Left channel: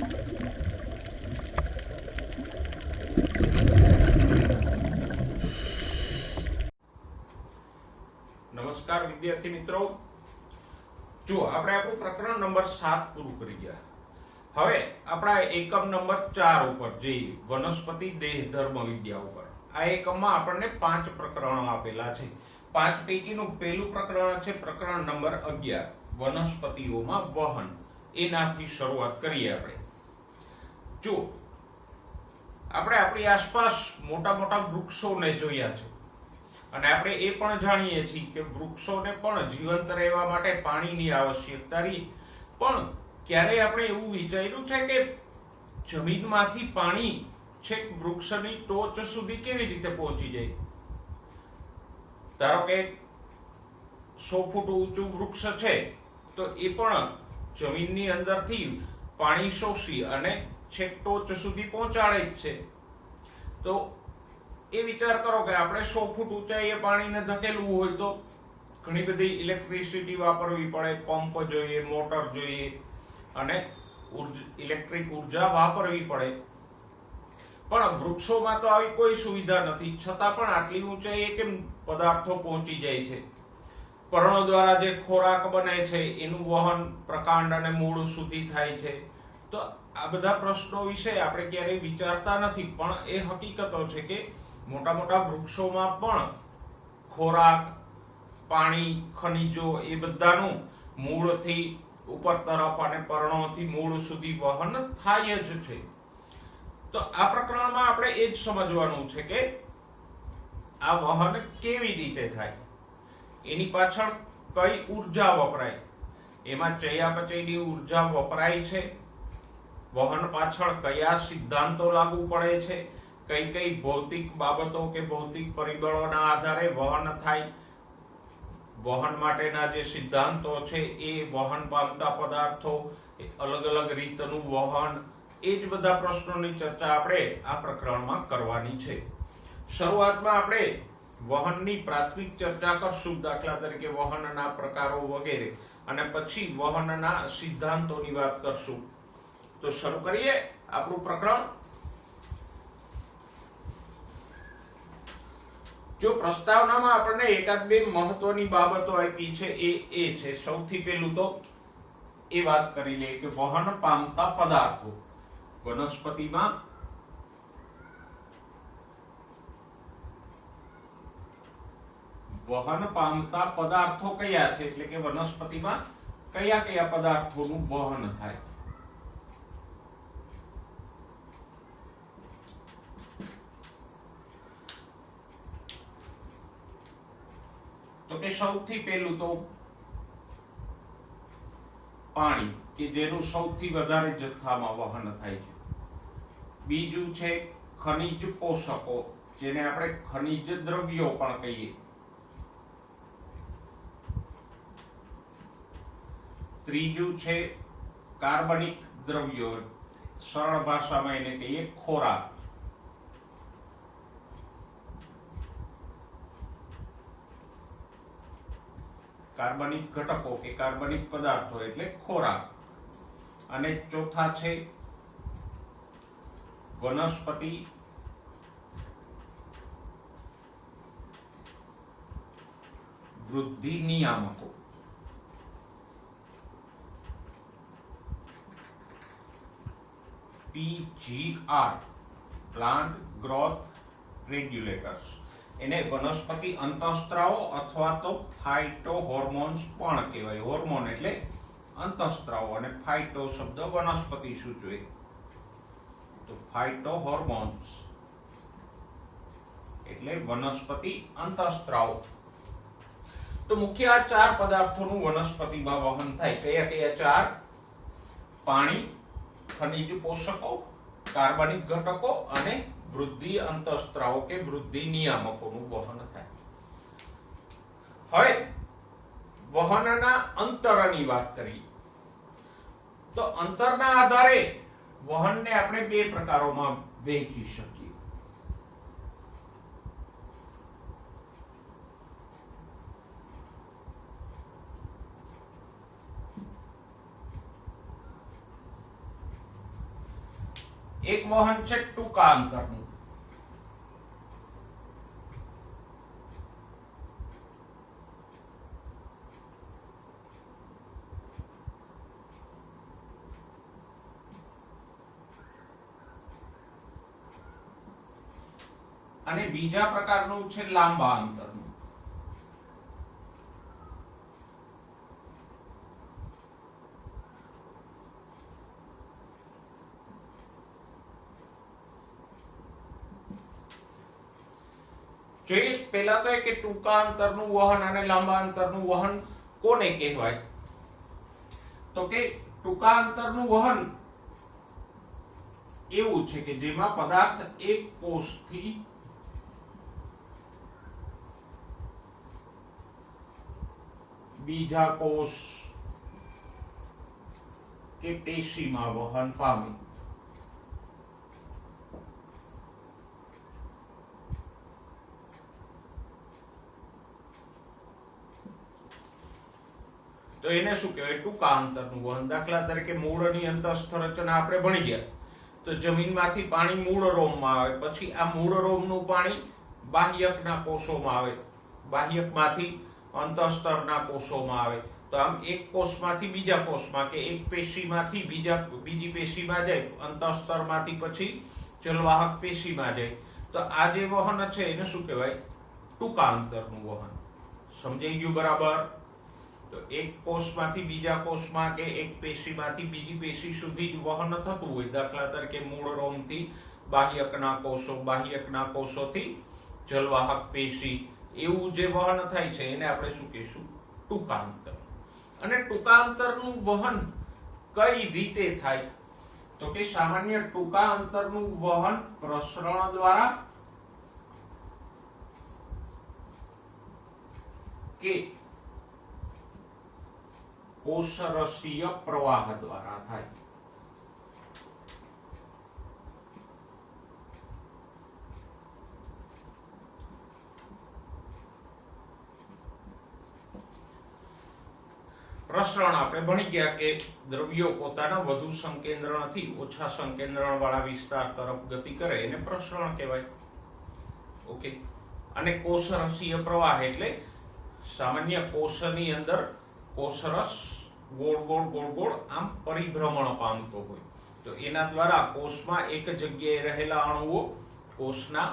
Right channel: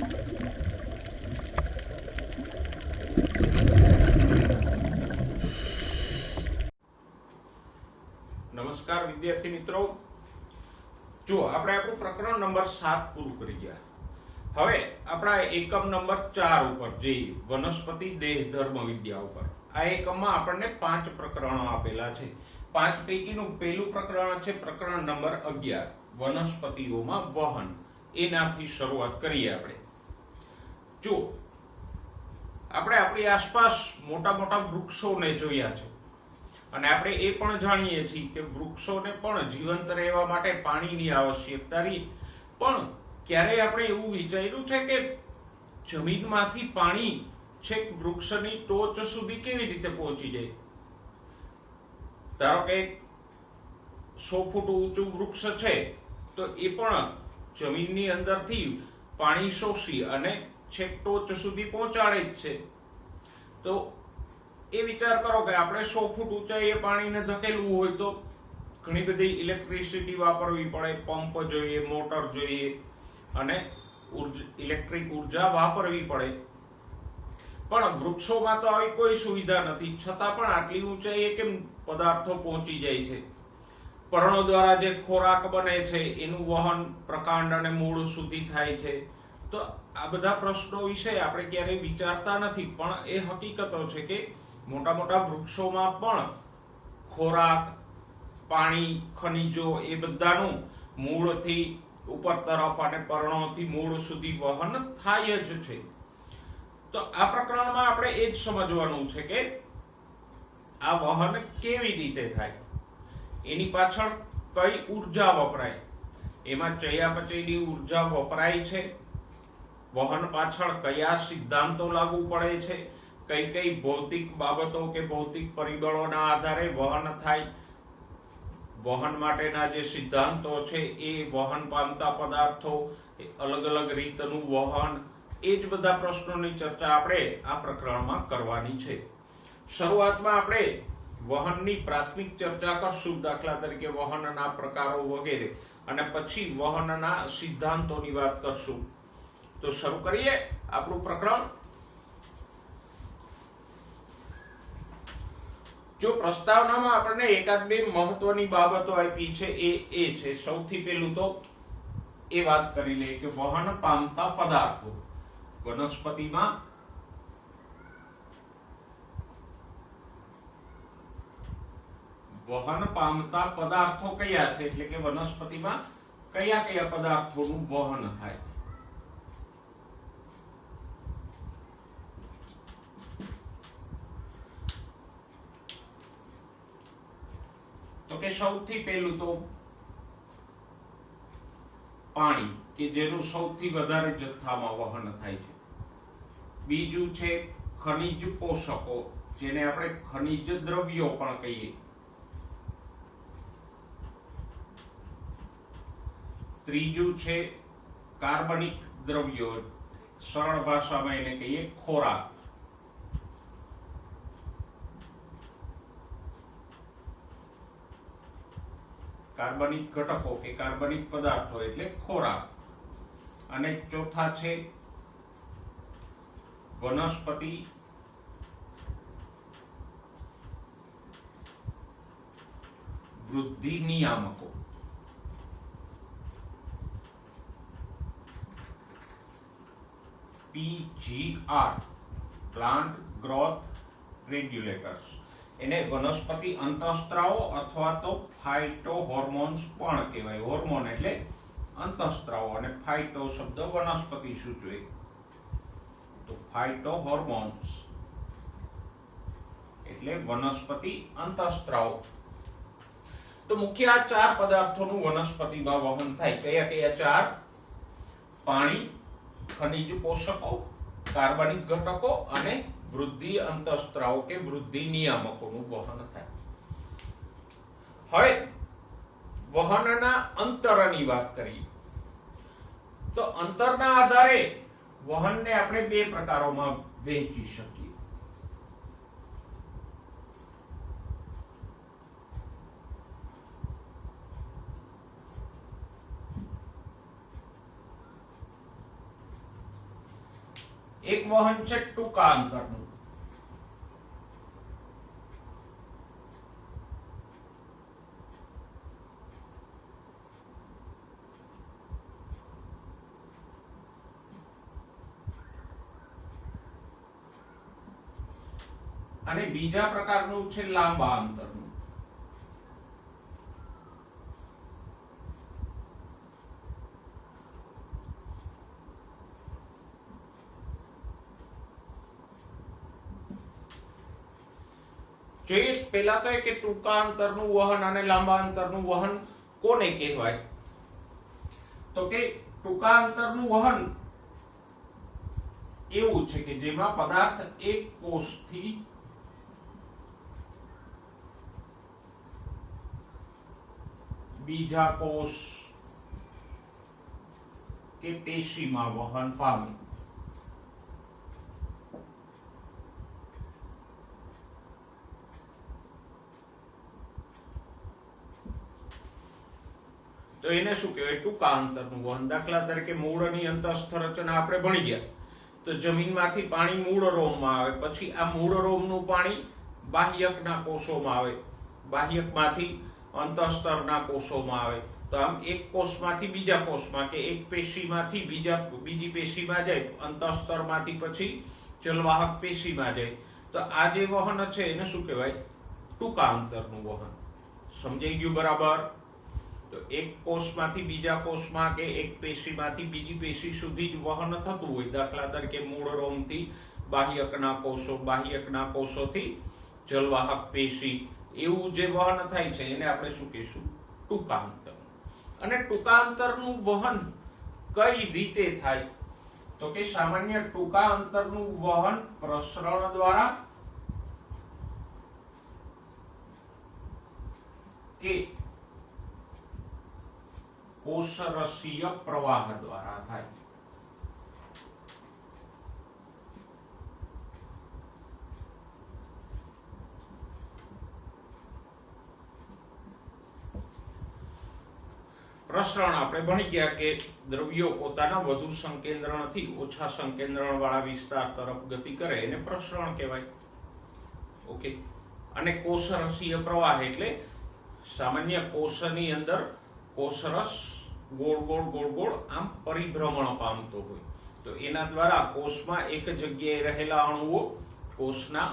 નમસ્કાર વિદ્યાર્થી મિત્રો, જો આપણે આપણું પ્રકરણ નંબર 7 પૂરું કરી ગયા. હવે આપણા એકમ નંબર 4 ઉપર જઈએ, વનસ્પતિ દેહ ધર્મ વિદ્યા ઉપર. આ એકમમાં આપણને 5 પ્રકરણો આપેલા છે. 5 પૈકીનું પહેલું પ્રકરણ છે પ્રકરણ નંબર 11, વનસ્પતિઓમાં વહન. એનાથી શરૂઆત કરીએ આપણે. જો આપણે આપણી આસપાસ મોટા મોટા વૃક્ષોને જોયા છે અને આપણે એ પણ જાણીએ છીએ કે વૃક્ષોને પણ જીવંત રહેવા માટે પાણીની આવશ્યકતા રહી. પણ ક્યારે આપણે એવું વિચાર્યું છે કે જમીનમાંથી પાણી છેક વૃક્ષની ટોચ સુધી કેવી રીતે પહોંચી જાય? ધારો કે 100 ફૂટ ઊંચું વૃક્ષ છે તો એ પણ જમીનની અંદરથી પાણી શોષી અને છેક ટોચ સુધી પહોંચાડે જ છે. તો એ વિચાર કરો કે આપણે 100 ફૂટ ઊંચાઈએ પાણીને ધકેલવું હોય તો ઘણી બધી ઇલેક્ટ્રિસિટી વાપરવી પડે, પંપ જોઈએ, મોટર જોઈએ અને ઇલેક્ટ્રિક ઉર્જા વાપરવી પડે. પણ વૃક્ષોમાં તો આવી કોઈ સુવિધા નથી, છતાં પણ આટલી ઊંચાઈએ કેમ પદાર્થો પહોંચી જાય છે? પર્ણો દ્વારા જે ખોરાક બને છે એનું વહન પ્રકાંડ અને મૂળ સુધી થાય છે. તો આ બધા પ્રશ્નો વિશે આપણે ક્યારેય વિચારતા નથી, પણ એ હકીકતો છે કે મોટા મોટા વૃક્ષોમાં પણ ખોરાક, પાણી, ખનિજો એ બધાનું મૂળથી ઉપર તરફ અને પર્ણોથી મૂળ સુધી વહન થાય જ છે. તો આ પ્રકરણમાં આપણે એ જ સમજવાનું છે કે આ વહન કેવી રીતે થાય, એની પાછળ કઈ ઉર્જા વપરાય, એમાં ચયાપચયની ઉર્જા વપરાય છે, વહન પાછળ કયા સિદ્ધાંતો લાગુ પડે છે, કઈ કઈ ભૌતિક બાબતો કે ભૌતિક પરિબળોના આધારે વહન થાય, વહન માટેના જે સિદ્ધાંતો છે એ વહન પામતા પદાર્થો, અલગ અલગ રીતનું વહન, એ જ બધા પ્રશ્નોની ચર્ચા આપણે આ પ્રકરણમાં કરવાની છે. શરૂઆતમાં આપણે વહનની પ્રાથમિક ચર્ચા કરશું, દાખલા તરીકે વહનના પ્રકારો વગેરે, અને પછી વહનના સિદ્ધાંતોની વાત કરશું. તો શરૂ કરીએ આપણું પ્રકરણ. જો પ્રસ્તાવનામાં આપણને એકાદ બે મહત્વની બાબતો આપી છે એ છે, સૌથી પહેલું તો એ વાત કરી લે કે વહન પામતા પદાર્થો વનસ્પતિમાં વહન પામતા પદાર્થો કયા છે, એટલે કે વનસ્પતિમાં કયા કયા પદાર્થોનું વહન થાય. તો કે સૌથી પહેલું તો પાણી, કે જેનું સૌથી વધારે જથ્થામાં વહન થાય છે. બીજું છે ખનિજ પોષકો, જેને આપણે ખનિજ દ્રવ્યો પણ કહીએ. ત્રીજું છે કાર્બનિક દ્રવ્યો, સરળ ભાષામાં એને કહીએ ખોરાક. કાર્બનિક ઘટકો કે કાર્બનિક પદાર્થો એટલે ખોરાક. અને ચોથા છે વનસ્પતિ વૃદ્ધિ નિયામકો. PGR, plant growth regulators. એને વનસ્પતિ અંતઃસ્ત્રાવો અથવા તો ફાઇટો હોર્મોન્સ પણ કહેવાય. હોર્મોન એટલે અંતઃસ્ત્રાવો અને ફાઇટો શબ્દ વનસ્પતિ સૂચવે. તો ફાઇટો હોર્મોન્સ એટલે વનસ્પતિ અંતઃસ્ત્રાવો. તો મુખ્ય આ 4 પદાર્થોનું વનસ્પતિમાં વહન થાય. કયા કયા 4? પાણી, ખનિજ પોષકો, કાર્બનિક ઘટકો અને વૃદ્ધિ અંતઃસ્ત્રાવો કે વૃદ્ધિ નિયામકોનું વહન થાય. હવે વહનના અંતરની વાત કરીએ તો અંતરના આધારે વહનને આપણે 2 પ્રકારોમાં વહેંચી શકીએ. એક વહન છે ટૂંકા અંતરનું, અને બીજા પ્રકારનું છે લાંબા અંતરનું. જોઈએ પહેલા તો કે ટૂંકા અંતરનું વહન અને લાંબા અંતરનું વહન કોને કહેવાય? તો કે ટૂંકા અંતરનું વહન એવું છે કે જેમાં પદાર્થ એક કોષથી બીજા કોષ કે પેશીમાં વહન પામે. તો એને શું કહેવાય? ટૂંકા અંતરનું વહન. દાખલા તરીકે મૂળની અંતઃસ્થ રચના આપણે ભણી ગયા. તો જમીનમાંથી પાણી મૂળ રોમમાં આવે, પછી આ મૂળ રોમનું પાણી બાહ્યકના કોષોમાં આવે, બાહ્યકમાંથી અંતઃસ્તરના કોષોમાં આવે. તો આમ એક કોષમાંથી બીજા કોષમાં કે એક પેશીમાંથી બીજી પેશીમાં જાય, અંતઃસ્તરમાંથી પછી જલવાહક પેશીમાં જાય. તો આ જે વહન છે એને શું કહેવાય? ટૂંકા અંતરનું વહન. સમજાઈ ગયું બરાબર? તો એક કોષમાંથી બીજા કોષમાં કે એક પેશીમાંથી બીજી પેશી સુધી જ વહન થતું હોય. દાખલા તરીકે મૂળ રોમથી બાહ્યકના કોષો, બાહ્યકના કોષોથી જલવાહક પેશી, એવું જે વહન થાય છે એને આપણે શું કહીશું? ટૂંકા અંતર. અને ટૂંકા અંતરનું વહન કઈ રીતે થાય? તો કે સામાન્ય ટૂંકા અંતરનું વહન પ્રસરણ દ્વારા કે કોષરસીય પ્રવાહ દ્વારા થાય. પ્રસરણ આપણે ભણી ગયા કે દ્રવ્યો પોતાના વધુ સંકેન્દ્રણથી ઓછા સંકેન્દ્રણ વાળા વિસ્તાર તરફ ગતિ કરે એને પ્રસરણ કહેવાય. ઓકે. અને કોષરસીય પ્રવાહ એટલે સામાન્ય કોષની અંદર કોષરસ ગોળ ગોળ ગોળ ગોળ આમ પરિભ્રમણ પામતો હોય. તો એના દ્વારા કોષમાં એક જગ્યાએ રહેલા અણુઓ કોષના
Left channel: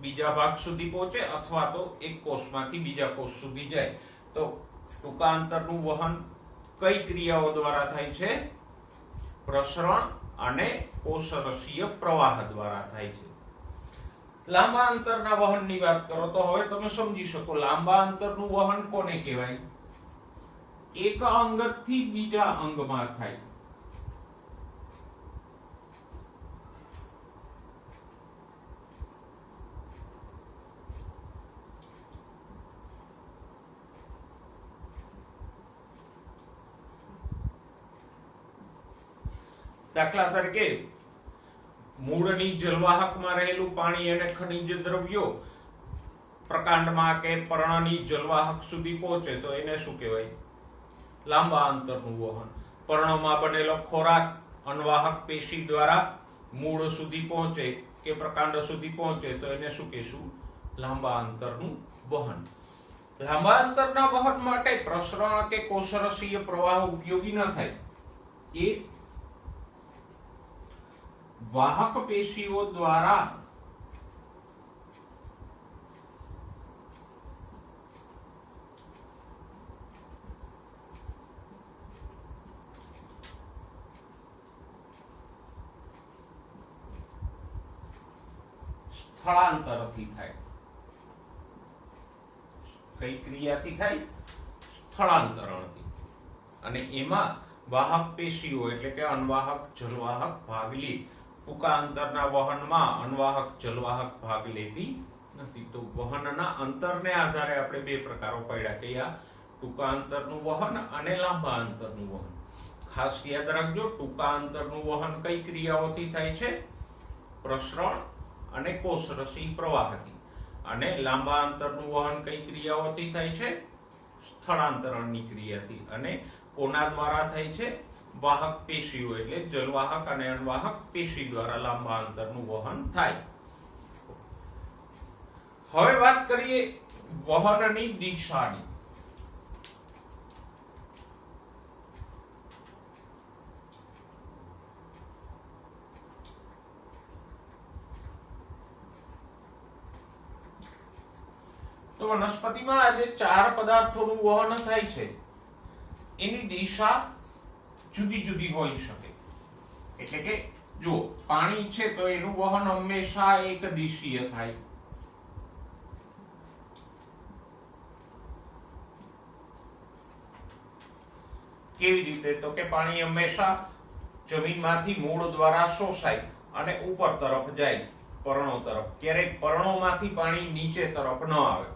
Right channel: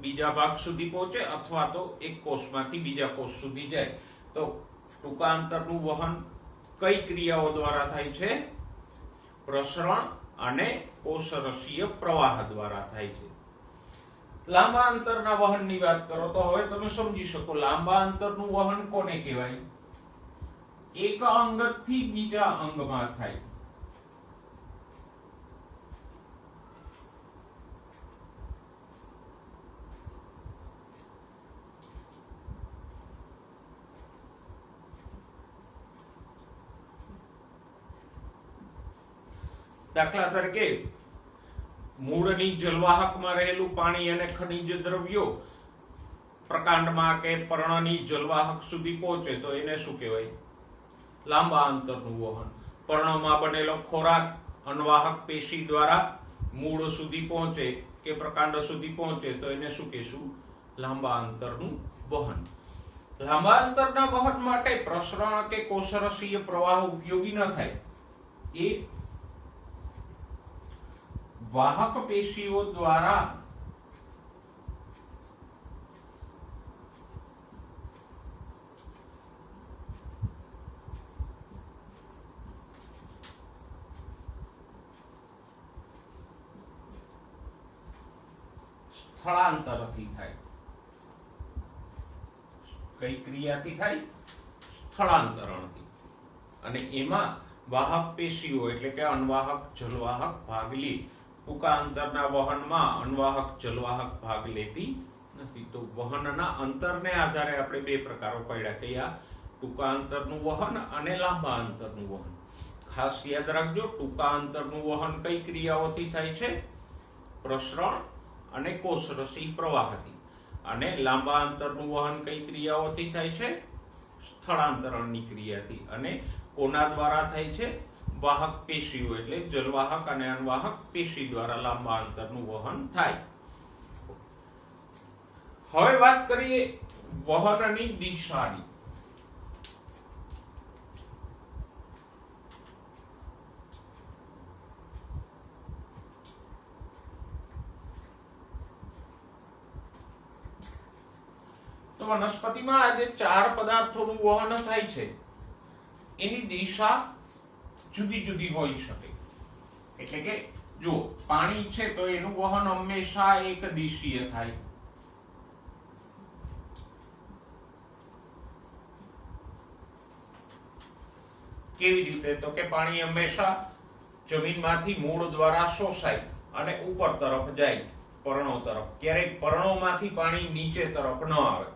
બીજા ભાગ સુધી પહોંચે અથવા તો એક કોષમાંથી બીજા કોષ સુધી જાય. તો ટૂંકા અંતરનું વહન કઈ ક્રિયાઓ દ્વારા થાય છે? પ્રસરણ અને કોષરસીય પ્રવાહ દ્વારા થાય છે. લાંબા અંતરના વહનની વાત કરો તો હવે તમે સમજી શકો લાંબા અંતરનું વહન કોને કહેવાય? એક અંગથી બીજા અંગમાં થાય. દાખલા તરીકે મૂળની જલવાહકમાં રહેલું પાણી અને ખનિજ દ્રવ્યો પ્રકાંડમાં કે પર્ણની જલવાહક સુધી પહોંચે તો એને શું કહેવાય? લાંબા અંતરનું વહન. પર્ણમાં બનેલો ખોરાક અનવાહક પેશી દ્વારા મૂળ સુધી પહોંચે કે પ્રકાંડ સુધી પહોંચે તો એને શું કહેશું? લાંબા અંતરનું વહન. લાંબા અંતરના વહન માટે પ્રસરણ કે કોષરસીય પ્રવાહ ઉપયોગી ન થાય. એ વાહક પેશીઓ દ્વારા સ્થળાંતરથી થાય. કઈ ક્રિયાથી થાય? સ્થળાંતરણથી. અને એમાં વાહક પેશીઓ એટલે કે અનવાહક જલવાહક ભાગ લે. ટૂંકા અંતરના વહનમાં અનવાહક જલવાહક ભાગ લેતી નથી. તો વહનના અંતરને આધારે આપણે બે પ્રકારો પડ્યા કે આ ટૂંકા અંતરનું વહન અને લાંબા અંતરનું વહન. ખાસ યાદ રાખજો, ટૂંકા અંતરનું વહન કઈ ક્રિયાઓથી થાય છે? પ્રસરણ અને કોષરસી પ્રવાહથી. અને લાંબા અંતરનું વહન કઈ ક્રિયાઓથી થાય છે? સ્થળાંતરણની ક્રિયાથી. અને કોના દ્વારા થાય છે? વાહક પેશીઓ એટલે જલવાહક અને અનવાહક પેશી દ્વારા લાંબા અંતરનું વહન થાય. હવે વાત કરીએ વહનની દિશાની. તો વનસ્પતિમાં આજે 4 પદાર્થોનું વહન થાય છે, એની દિશા જુદી જુદી હોઈ શકે. એટલે કે જો પાણી છે તો એનું વહન હંમેશા એક દિશીય થાય. કેવી રીતે? તો કે પાણી હંમેશા જમીનમાંથી મૂળ દ્વારા શોષાય અને ઉપર તરફ જાય, પર્ણો તરફ. ક્યારેક પર્ણોમાંથી પાણી નીચે તરફ ન આવે.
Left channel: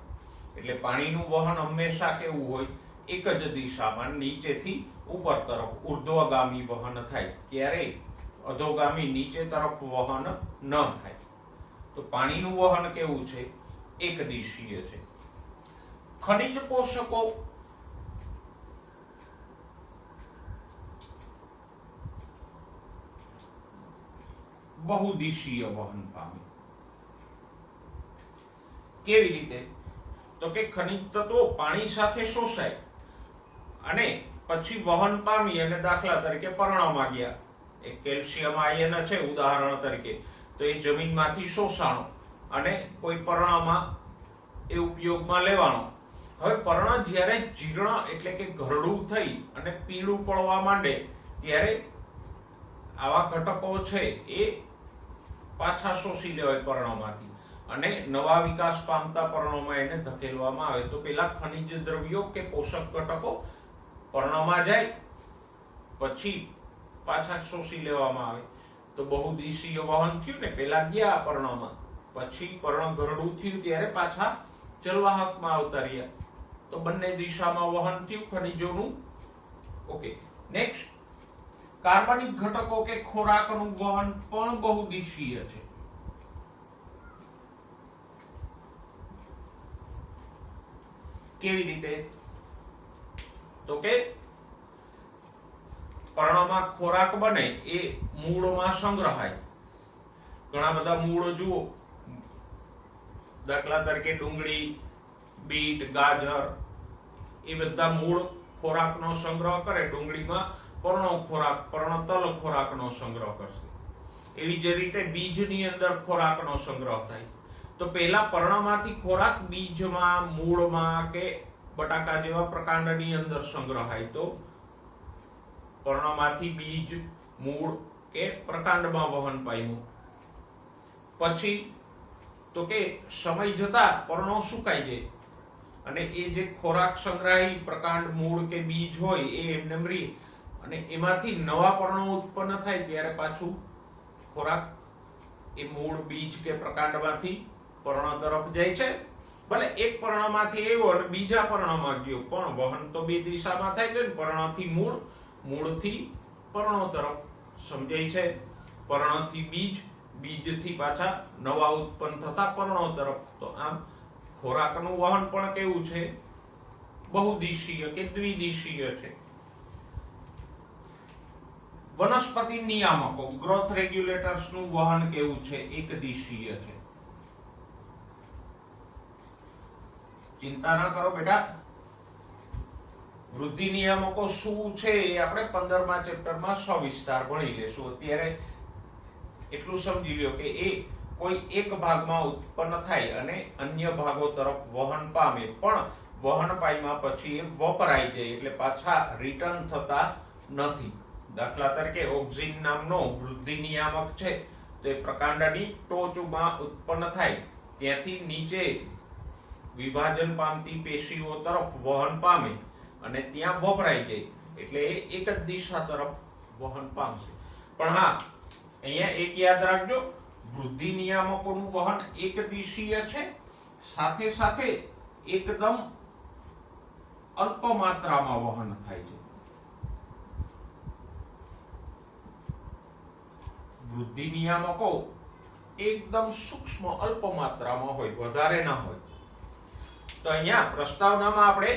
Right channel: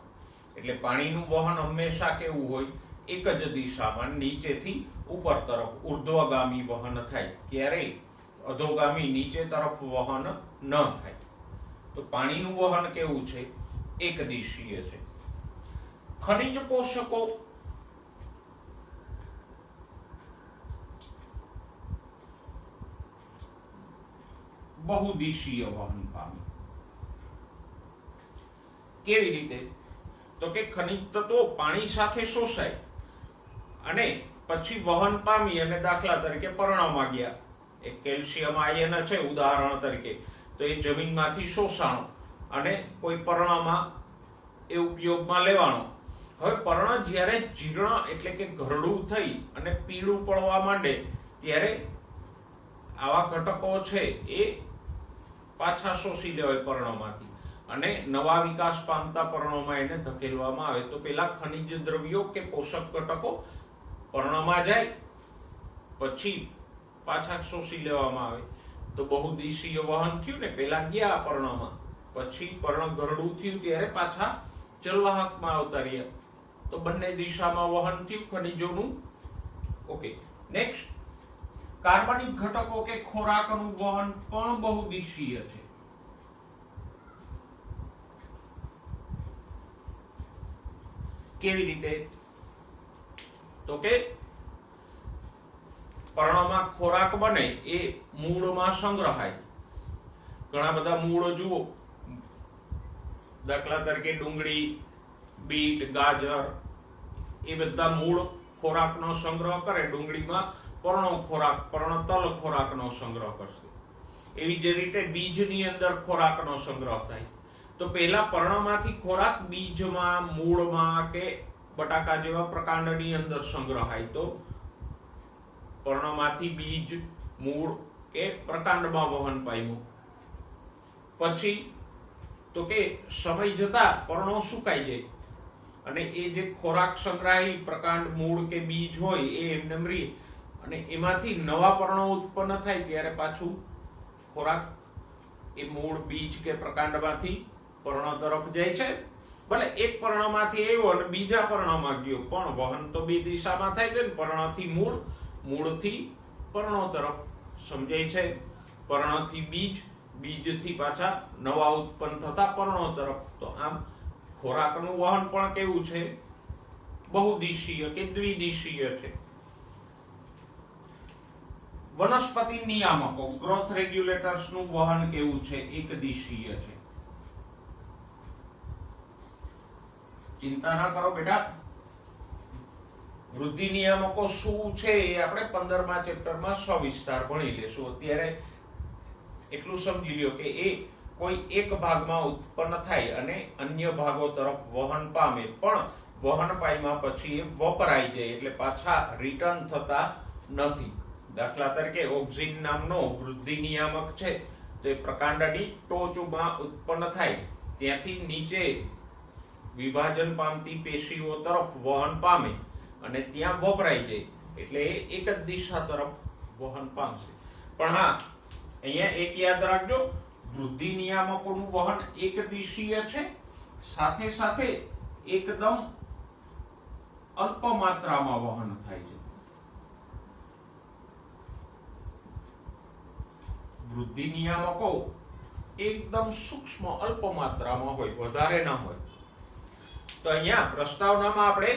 એટલે પાણીનું વહન હંમેશા કેવું હોય? એક જ દિશામાં નીચેથી ઉપર તરફ ઉર્ધ્વગામી વહન થાય. ક્યારેય અધોગામી નીચે તરફ વહન ન થાય. તો પાણીનું વહન કેવું છે? એક દિશીય છે. ખનિજ પોષકો બહુદિશીય વહન પામે. કેવી રીતે? તો કે ખનિજ તત્વો પાણી સાથે શોષાય અને પછી વહન પામી અને દાખલા તરીકે પર્ણમાં ગયા. એક કેલ્શિયમ આયન છે ઉદાહરણ તરીકે, તો એ જમીનમાંથી શોષાણો અને કોઈ પર્ણમાં એ ઉપયોગમાં લેવાનો. હવે પર્ણ જ્યારે જીર્ણ એટલે કે ઘરડું થઈ અને પીળું પડવા માંડે ત્યારે આવા ઘટકો છે એ પાછા શોષી લેવાય પર્ણોમાંથી અને નવા વિકાસ પામતા પર્ણોમાં એને ધકેલવામાં આવે. તો પેલા ખનિજ દ્રવ્યો કે પોષક ઘટકો પર્ણમાં જાય, પછી પાછા શોષી લેવામાં આવે. તો બહુદિશીય વહન થયું ને. પેલા ગયા પર્ણમાં, પછી પર્ણ ઘરડું થયું ત્યારે પાછા જલવાહકમાં આવતા રહ્યા. તો બંને દિશામાં વહન થયું ખનિજોનું. ઓકે, નેક્સ્ટ, કાર્બનિક ઘટકો કે ખોરાકનું વહન પણ બહુદિશીય છે. કેવી રીતે? તો કે પર્ણમાં ખોરાક બને એ મૂળમાં સંગ્રહાય. ઘણા બધા મૂળો જુઓ, દાખલા તરીકે ડુંગળી, બીટ, ગાજર, એ બધા મૂળ ખોરાકનો સંગ્રહ કરે. ડુંગળીમાં પર્ણતલ ખોરાકનો સંગ્રહ કરશે. એવી જ રીતે બીજની અંદર ખોરાકનો સંગ્રહ થાય. તો પહેલા પર્ણમાંથી ખોરાક બીજમાં, મૂળમાં કે બટાકા જેવા પ્રકાંડની અંદર સંગ્રહાય. તો પર્ણમાંથી બીજ, મૂળ કે પ્રકાંડમાં વહન પામ્યું. પછી તો કે સમય જતા પર્ણો સુકાઈ જાય અને એ જે ખોરાક સંગ્રહી પ્રકાંડ, મૂળ કે બીજ હોય એ એમને રહે અને એમાંથી નવા પર્ણો ઉત્પન્ન થાય ત્યારે પાછું ખોરાક એ મૂળ, બીજ કે પ્રકાંડમાંથી પર્ણ તરફ જાય છે. ભલે એક પર્ણમાંથી આવ્યો અને બીજા પર્ણમાં ગયો, પણ વહન તો બે દિશામાં થાય છે ને. પર્ણથી મૂળ, મૂળથી પર્ણો તરફ સમજાય છે. પર્ણથી બીજ, બીજથી પાછા નવા ઉત્પન્ન થતા પર્ણો તરફ. તો આમ ખોરાકનું વહન પણ કેવું છે? બહુદિશીય કે દ્વિદિશીય છે. વનસ્પતિ નિયામકો, ગ્રોથ રેગ્યુલેટર્સ નું વહન કેવું છે? એક દિશીય છે. ચિંતા ના કરો બેટા, વૃદ્ધિ નિયામકો શું છે એ આપણે 15મા ચેપ્ટરમાં સવિસ્તાર ભણી લેશું. અત્યારે એટલું સમજી લ્યો કે એ કોઈ એક ભાગમાં ઉત્પન્ન થાય અને અન્ય ભાગો તરફ વહન પામે, પણ વહન પામ્યા પછી એ વપરાઈ જાય એટલે પાછા રિટર્ન થતા નથી. દાખલા તરીકે ઓક્સિન નામનો વૃદ્ધિ નિયામક છે, તો એ પ્રકાંડની ટોચમાં ઉત્પન્ન થાય, ત્યાંથી નીચે વિભાજન પામતી પેશીઓ તરફ વહન પામે અને ત્યાં વપરાઈ જાય એટલે એ એક જ દિશા તરફ વહન પામશે. પણ હા, અહીંયા એક યાદ રાખજો, વૃદ્ધિ નિયામકોનું વહન એક દિશીય છે, સાથે સાથે એકદમ અલ્પ માત્રામાં વહન થાય છે. વૃદ્ધિ નિયામકો એકદમ સૂક્ષ્મ અલ્પ માત્રામાં હોય, વધારે ના હોય. તો અહીંયા પ્રસ્તાવનામાં આપણે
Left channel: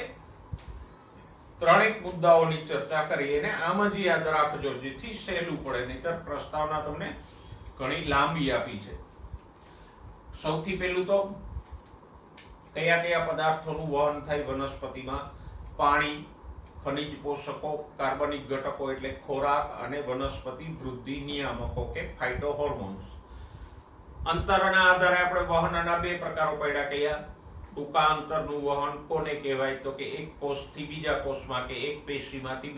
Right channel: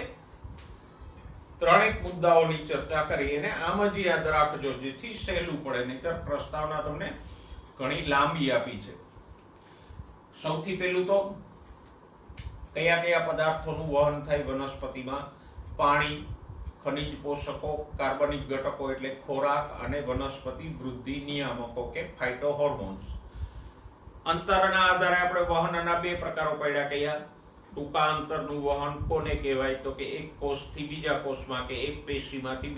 તો ત્રણેક મુદ્દાઓની ચર્ચા કરી અને આમ જ યાદ રાખજો જેથી સહેલું પડે, નહીતર પ્રસ્તાવના તમને ઘણી લાંબી આપી છે. સૌથી પહેલું તો કયા કયા પદાર્થોનું વહન થાય વનસ્પતિમાં? પાણી, ખનિજ પોષકો, કાર્બનિક ઘટકો એટલે ખોરાક અને વનસ્પતિ વૃદ્ધિ નિયામકો કે ફાઇટોહોર્મોન્સ. અંતરના આધારે આપણે વહનના બે પ્રકારો પડ્યા. કયા? ટૂંકા અંતરનું વહન કોને કહેવાય? તો કે એક કોષથી બીજા કોષમાં કે એક પેશીમાંથી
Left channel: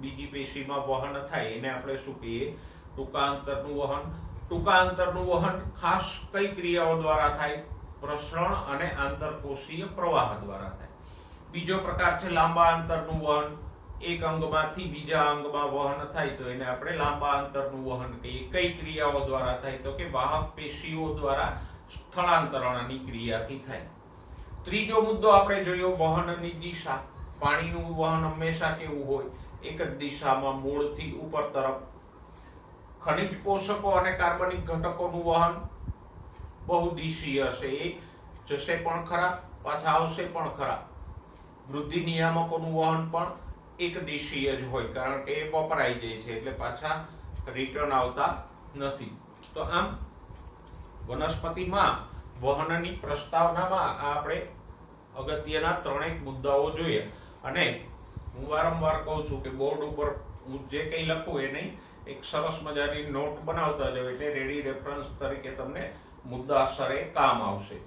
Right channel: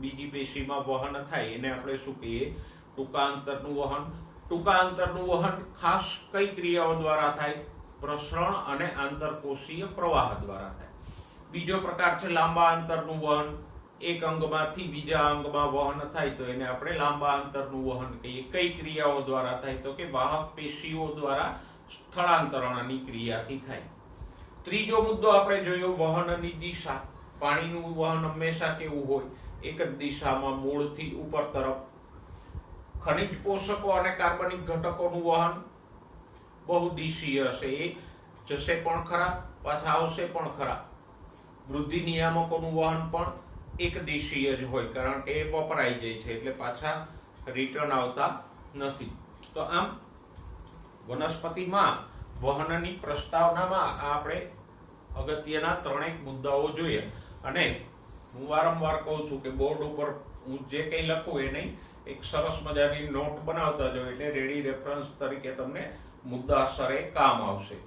બીજી પેશીમાં વહન થાય એને આપણે શું કહીએ? ટૂંકા અંતરનું વહન. ટૂંકા અંતરનું વહન ખાસ કઈ ક્રિયાઓ દ્વારા થાય? પ્રસરણ અને આંતરકોષીય પ્રવાહ દ્વારા થાય. બીજો પ્રકાર છે લાંબા અંતરનું વહન. એક અંગમાંથી બીજા અંગમાં વહન થાય તો એને આપણે લાંબા અંતરનું વહન કહીએ. કઈ ક્રિયાઓ દ્વારા થાય? તો કે વાહક પેશીઓ દ્વારા સ્થળાંતરણની ક્રિયાથી થાય. ત્રીજો મુદ્દો આપણે જોયો વહનની દિશા. પાણીનું વહન હંમેશા કેવું હોય? એક જ દિશામાં મૂળથી ઉપર તરફ. ખનિજ પોષકો અને કાર્બનિક ઘટકોનું વહન બહુદિશીય હશે. એ જશે પણ ખરા, પાછા આવશે પણ ખરા. વૃદ્ધિ નિયામકોનું વહન પણ એક દિશીય જ હોય, કારણ કે એ વપરાઈ જાય છે એટલે પાછા રિટર્ન આવતા નથી. તો આમ વનસ્પતિમાં વહનની પ્રસ્તાવનામાં આપણે અગત્યના ત્રણેક મુદ્દાઓ જોઈએ. અને હું વારંવાર કહું છું કે બોર્ડ ઉપર હું જે કંઈ લખું એને એક સરસ મજાની નોટ બનાવતા જાવ એટલે રેડી રેફરન્સ તરીકે તમને મુદ્દાસરે કામ આવશે.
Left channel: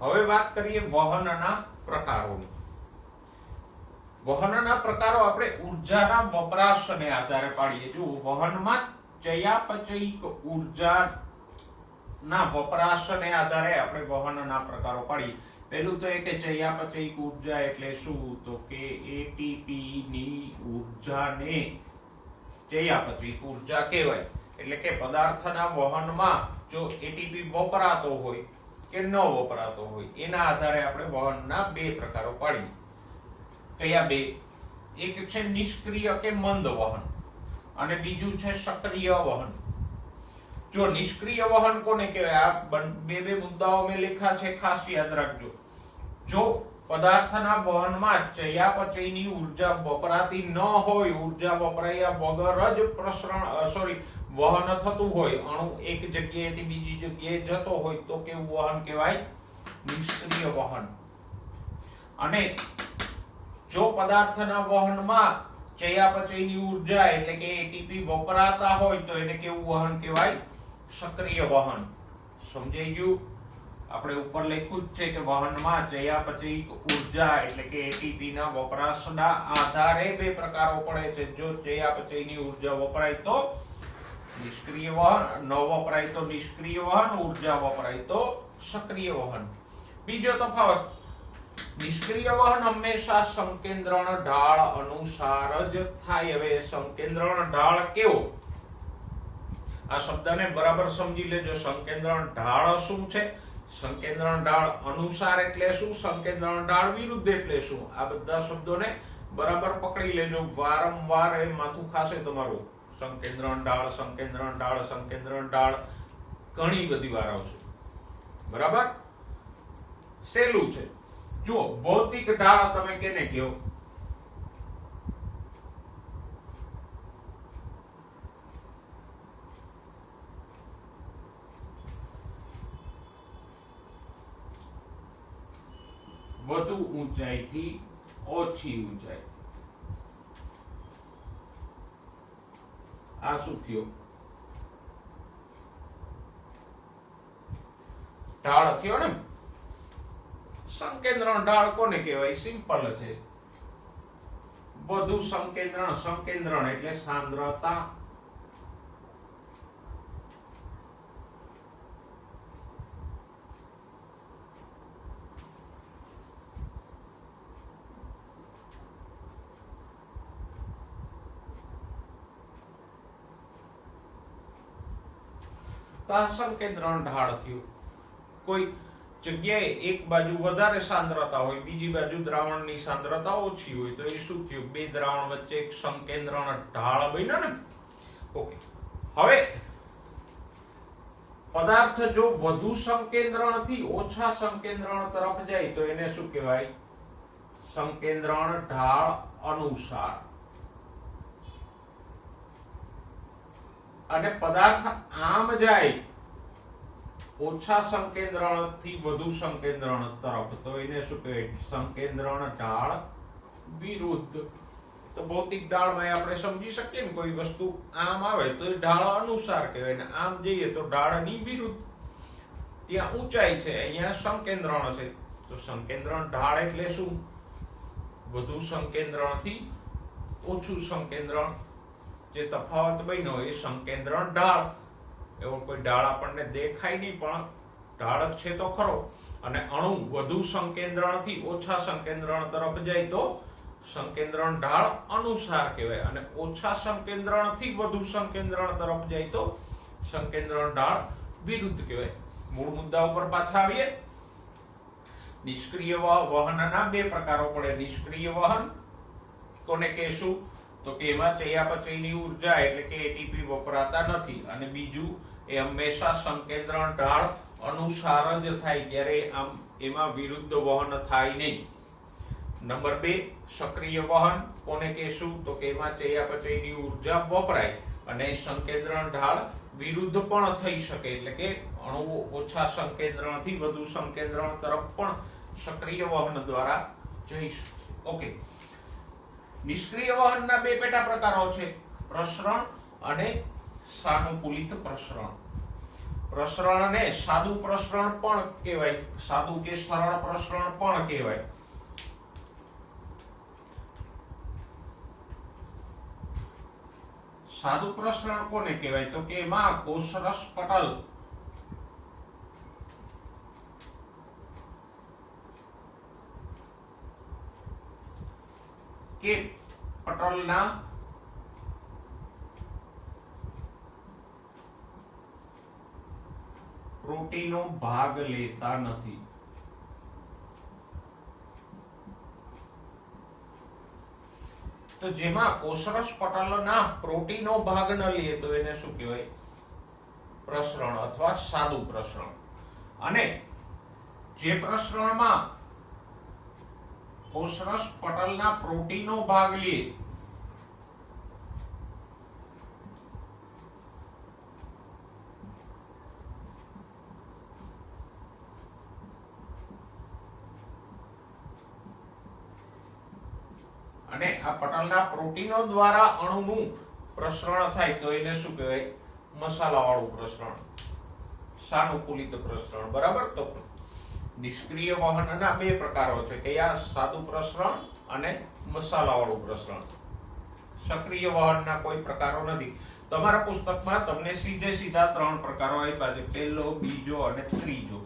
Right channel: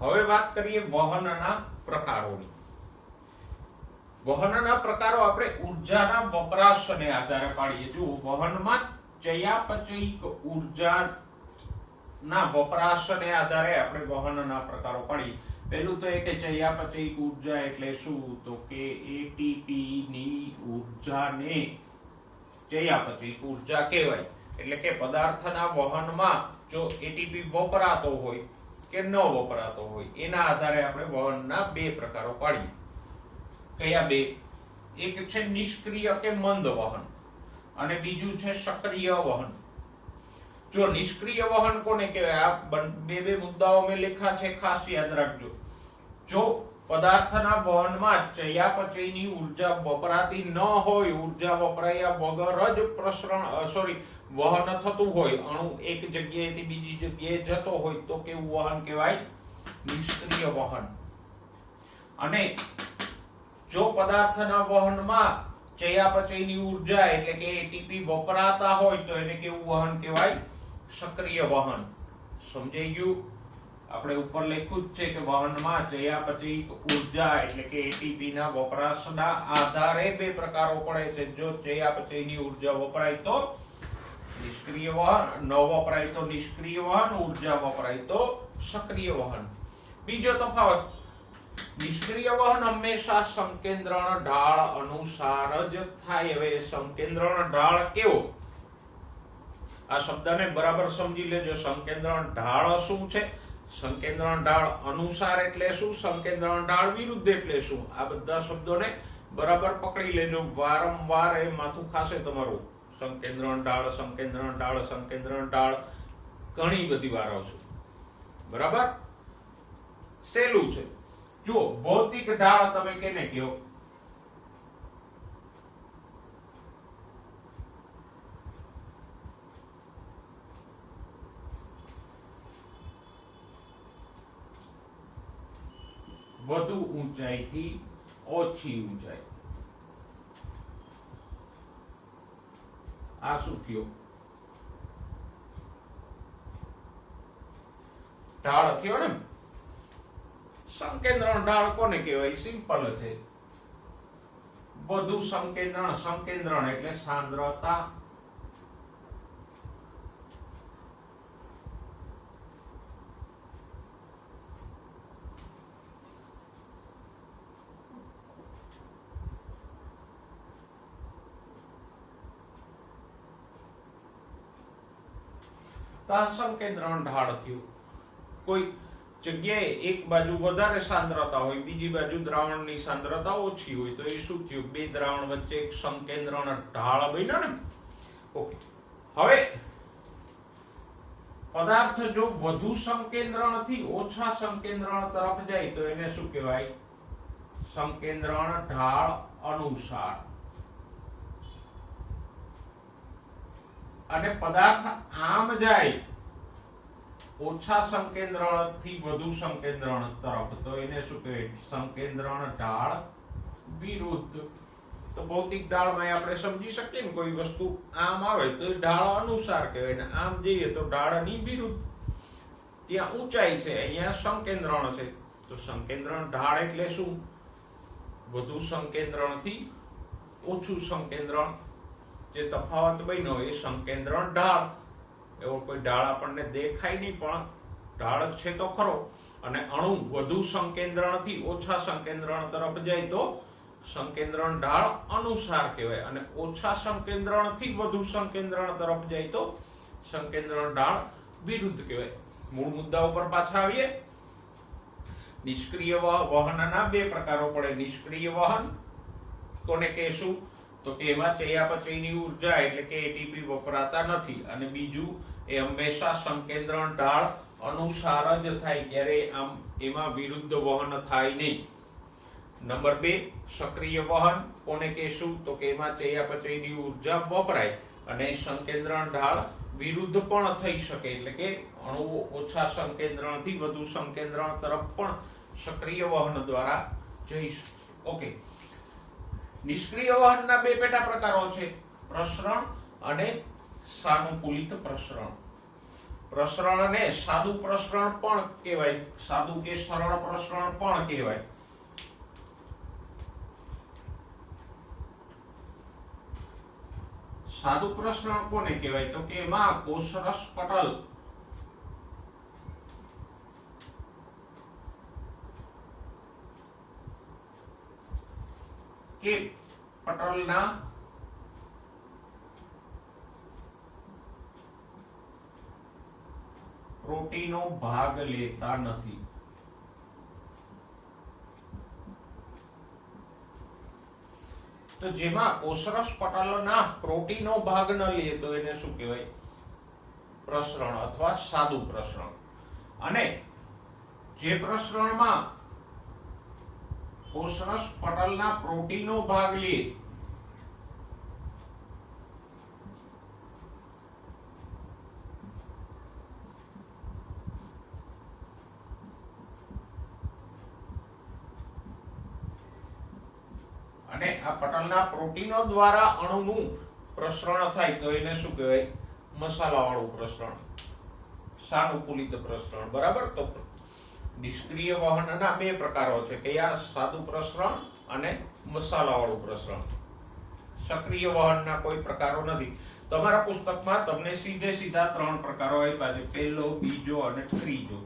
હવે વાત કરીએ વહનના પ્રકારોની. વહનના પ્રકારો આપણે ઉર્જાના વપરાશને આધારે પાડીએ. જો વહનમાં ચયાપચયિક ઉર્જાના વપરાશને આધારે આપણે વહનના પ્રકારો પાડીએ. પહેલું તો એ કે ચયાપચયિક ઉર્જા એટલે શું? તો કે એટીપી ની ઉર્જાને ચયાપચયિક ઉર્જા કહેવાય. એટલે કે પદાર્થના વહનમાં જો એટીપી વપરાતો હોય કે ન વપરાતો હોય એના આધારે આપણે વહનના બે પ્રકારો પાડીએ. કયા બે? એક છે નિષ્ક્રિય કે મંદ વહન અને બીજું છે સક્રિય વહન. જો નિષ્ક્રિય વહન કોને કહેવાય? આ બે મુદ્દાઓ મેં લખ્યા છે, ખાસ યાદ રાખજો. જો પદાર્થના વહનમાં ચયાપચયની ઉર્જા વપરાતી ન હોય, ઉર્જા વપરાયા વગર જ વહન થતું હોય, અણુ એક જગ્યાએથી બીજી જગ્યાએ જતો હોય તો કેવું વહન કહેવાય? નિષ્ક્રિય વહન. અને જો પદાર્થના વહનમાં ચયાપચયની ઉર્જા એટલે કે એટીપી વપરાતા હોય તો એને કેવું વહન કહેવાય? સક્રિય વહન. સમજાઈ ગયું? આપણે ઉપર લખ્યું જ છે કે વહનમાં ચયાપચયિક ઉર્જા એટલે કે એટીપી ના વપરાશના આધારે બે પ્રકારો પડે છે. જો ચયાપચયની ઉર્જા વપરાય તો નિષ્ક્રિય વહન, ન વપરાય તો નિષ્ક્રિય વહન, ઉર્જા વપરાય તો સક્રિય વહન. બીજો તફાવત, નિષ્ક્રિય વહન હંમેશા સંકેન્દ્રણ ઢાળ અનુસાર જ થાય. હવે સંકેન્દ્રણ ઢાળ કેવો? આ શબ્દને બરાબર સમજી લેજો. સંકેન્દ્રણ ઢાળ શું છે? સંકેન્દ્રણ ઢાળ અનુસાર એટલે શું? સંકેન્દ્રણ ઢાળ વિરુદ્ધ એટલે શું? આ બધા શબ્દોને બરાબર પકડી લેજો. વારંવાર એ માથું ખાશે તમારું. સંકેન્દ્રણ ઢાળ, સંકેન્દ્રણ ઢાળ, સંકેન્દ્રણ ઢાળ ઘણી બધી વાર આવશે. બરાબર? સહેલું છે. જો ભૌતિક ઢાળ તમે કેને કહો? વધુ ઊંચાઈથી ઓછી ઊંચાઈ. આ શું થયો? ઢાળ થયો ને. સંકેન્દ્રણ ઢાળ કોને કહેવાય? સિમ્પલ છે. વધુ સંકેન્દ્રણ. સંકેન્દ્રણ એટલે સાંદ્રતા. સંકેન્દ્રણ ઢાળ થયું. કોઈ જગ્યાએ એક બાજુ વધારે સાંદ્રતા હોય, બીજી બાજુ દ્રાવણની સાંદ્રતા ઓછી હોય તો એ શું થયું? બે દ્રાવણ વચ્ચે એક સંકેન્દ્રણ ઢાળ બન્યો ને. ઓકે, હવે પદાર્થ જો વધુ સંકેન્દ્રણથી ઓછા સંકેન્દ્રણ તરફ જાય તો એને શું કહેવાય? સંકેન્દ્રણ ઢાળ અનુસાર. અને પદાર્થ આમ જાય ઓછા સંકેન્દ્રણથી વધુ સંકેન્દ્રણ તરફ તો એને શું કહેવાય? સંકેન્દ્રણ ઢાળ વિરુદ્ધ. તો ભૌતિક ઢાળમાં આપણે સમજી શકીએ ને, કોઈ વસ્તુ આમ આવે તો એ ઢાળ અનુસાર કહેવાય ને આમ જઈએ તો ઢાળની વિરુદ્ધ. ત્યાં ઊંચાઈ છે, અહીંયા સંકેન્દ્રણ છે, તો સંકેન્દ્રણ ઢાળ એટલે શું? વધુ સંકેન્દ્રણથી ઓછું સંકેન્દ્રણ, જે તફાવત બન્યો એ સંકેન્દ્રણ ઢાળ. એવો કોઈ ઢાળ આપણને દેખાય નહીં, પણ ઢાળ જ છે તો ખરો. અને અણુ વધુ સંકેન્દ્રણથી ઓછા સંકેન્દ્રણ તરફ જાય તો સંકેન્દ્રણ ઢાળ અનુસાર કહેવાય, અને ઓછા સંકેન્દ્રણથી વધુ સંકેન્દ્રણ તરફ જાય તો સંકેન્દ્રણ ઢાળ વિરુદ્ધ કહેવાય. મૂળ મુદ્દા ઉપર પાછા આવીએ. નિષ્ક્રિય વહનના બે પ્રકારો પડે. નિષ્ક્રિય વહન કોને કહેશું? તો કે એમાં ચયાપચયની ઉર્જા એટલે કે એટીપી વપરાતા નથી. અને બીજું, એ હંમેશા સંકેન્દ્રણ ઢાળ અનુસાર જ થાય, ત્યારે આમ એમાં વિરુદ્ધ વહન થાય નહીં. નંબર 2, સક્રિય વહન કોને કહેશું? તો કે એમાં ચયાપચયની ઉર્જા વપરાય અને સંકેન્દ્રણ ઢાળ વિરુદ્ધ પણ થઈ શકે, એટલે કે અણુઓ ઓછા સંકેન્દ્રણથી વધુ સંકેન્દ્રણ તરફ પણ સક્રિય વહન દ્વારા જઈ શકે. ઓકે. નિષ્ક્રિય વહનના બે પેટા પ્રકારો છે, પ્રસરણ અને સાનુકૂલિત પ્રસરણ. પ્રસરણને સાદું પ્રસરણ પણ કહેવાય, સાદું કે સરળ પ્રસરણ પણ કહેવાય. સાદું પ્રસરણ કોને કહેવાય? તો કે એમાં કોષરસ પટલ કે પટલના પ્રોટીનો ભાગ લેતા નથી. તો જેમાં કોષરસ પટલના પ્રોટીનો ભાગ ન લે તો એને શું કહેવાય? પ્રસરણ અથવા સાદું પ્રસરણ. અને જે પ્રસરણમાં કોષરસ પટલના પ્રોટીનો ભાગ લે અને આ પટલના પ્રોટીનો દ્વારા અણુનું પ્રસરણ થાય તો એને શું કહેવાય? મસાલાવાળું પ્રસરણ, સાનુકૂલિત પ્રસરણ. બરાબર. તો નિષ્ક્રિય વહનના બે પ્રકારો છે, કયા? સાદું પ્રસરણ અને મસાલાવાળું પ્રસરણ. સક્રિય વહનના કોઈ પ્રકારો નથી. તમારા પુસ્તકમાં તમને સીધા 3 પ્રકારો આપ્યા છે, પહેલો, બીજો અને ત્રીજો.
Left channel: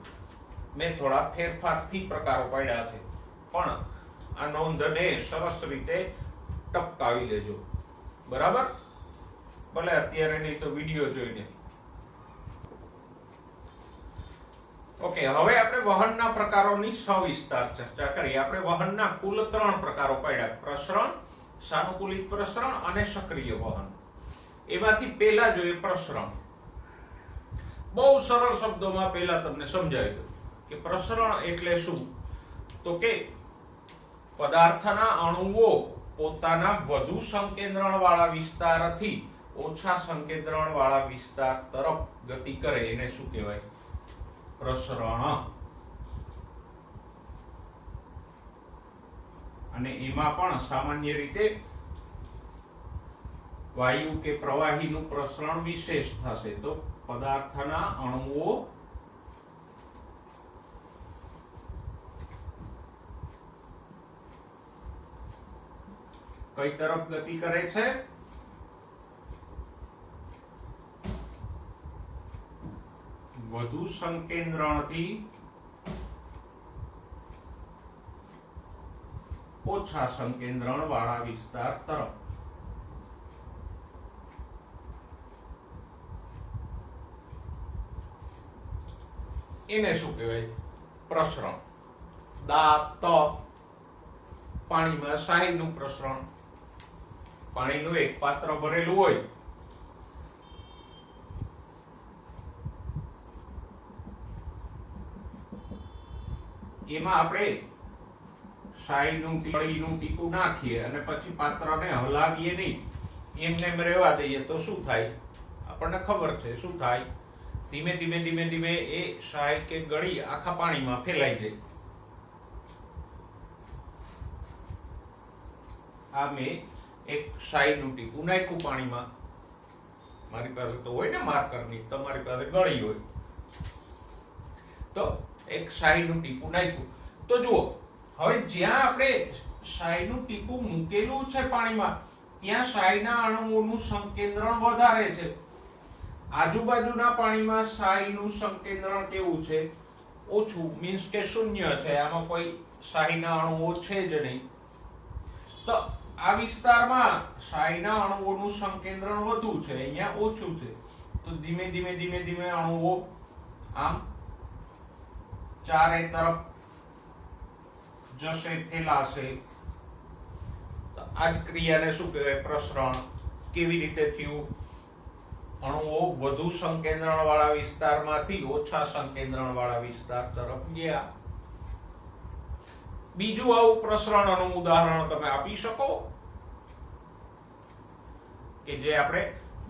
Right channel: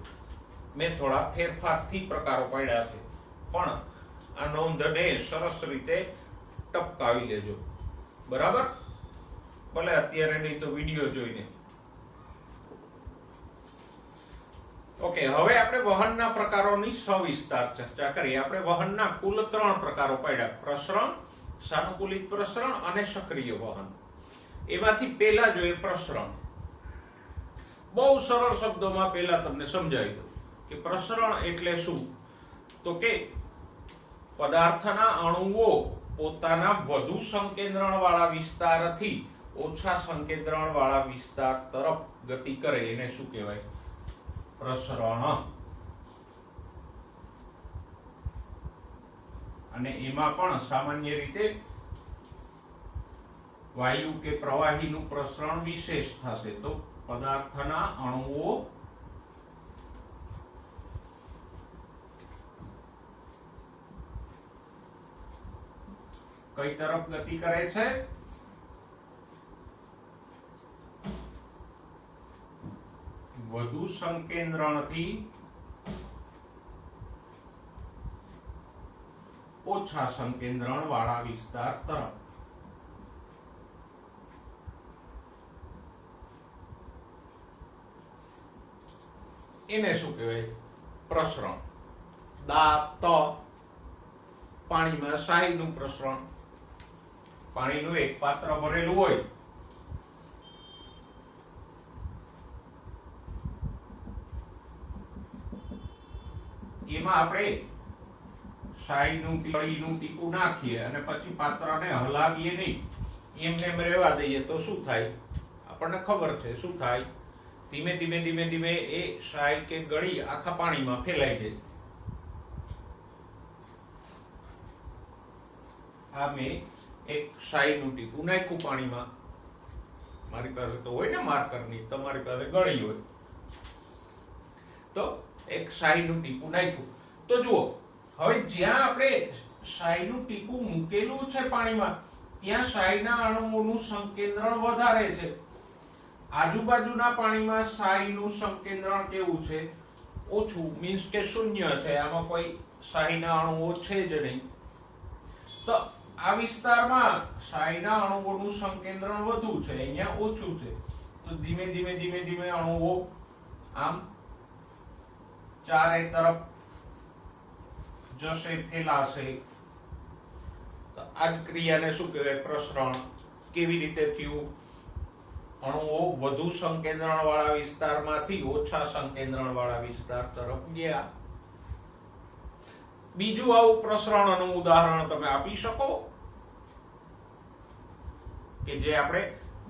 મેં થોડા ફેરફારથી પ્રકારો પાડ્યા છે, પણ આ નોંધને સરસ રીતે ટપકાવી લેજો. બરાબર. ભલે અત્યારે નહીં તો વિડીયો જોઈને. ઓકે. હવે આપણે વહનના પ્રકારોની સવિસ્તાર ચર્ચા કરીએ. આપણે વહનના કુલ 3 પ્રકારો પાડ્યા, પ્રસરણ, સાનુકૂલિત પ્રસરણ અને સક્રિય વહન. એમાંથી પહેલા જોઈએ પ્રસરણ. બહુ સરળ શબ્દોમાં પહેલા તમને સમજાવી દઉં કે પ્રસરણ એટલે શું. તો કે પદાર્થના અણુઓ પોતાના વધુ સંકેન્દ્રણ વાળા વિસ્તારથી ઓછા સંકેન્દ્રણ વાળા વિસ્તાર તરફ ગતિ કરે એને શું કહેવાય? પ્રસરણ. અને એમાં પણ સામાન્ય રીતે વાયુ કે પ્રવાહીનું પ્રસરણ વિશેષ થશે. તો પદાર્થના અણુઓ કઈ તરફ ગતિ કરે છે? વધુ સંકેન્દ્રણથી ઓછા સંકેન્દ્રણ વાળા વિસ્તાર તરફ. એને શું કહેવાય? પ્રસરણ. પાણીમાં શાહીનું પ્રસરણ. પાણીનું એક પાત્ર ભરેલું હોય, એમાં આપણે શાહીનું ટીપું નાખીએ અને પછી પાત્રને હલાવીએ નહીં, એમને એમ રહેવા દઈએ તો શું થાય? આપણને ખબર છે શું થાય. ધીમે ધીમે ધીમે ધીમે એ શાહી કે ગળી આખા પાણીમાં ફેલાઈ જાય. આ મેં એક શાહીનું ટીપું નાખ્યું પાણીમાં. મારી પાસે તો હોય ને માર્કરની, તમારી પાસે ગળી હોય તો એક શાહીનું ટીપું નાખ્યું. તો જુઓ, હવે જ્યાં આપણે શાહીનું ટીપું મૂકેલું છે પાણીમાં, ત્યાં શાહીના અણુઓનું સંકેન્દ્રણ વધારે છે. આજુબાજુના પાણીમાં શાહીનું સંકેન્દ્રણ કેવું છે? ઓછું, મીન્સ કે શૂન્ય છે. આમાં કોઈ શાહીના અણુઓ છે જ નહીં. તો આ વિસ્તારમાં શાહીના અણુઓનું સંકેન્દ્રણ વધુ છે, અહીંયા ઓછું છે. તો ધીમે ધીમે ધીમે ધીમે અણુઓ આમ ચારે તરફ જશે, ફેલાશે. તો આ જ ક્રિયાને શું કહેવાય? પ્રસરણ. કેવી રીતે થયું? અણુઓ વધુ સંકેન્દ્રણ વાળા વિસ્તારમાંથી ઓછા સંકેન્દ્રણ વાળા વિસ્તાર તરફ ગયા. બીજું આવું પ્રસરણનું ઉદાહરણ તમે આપી શકો કે જે આપણે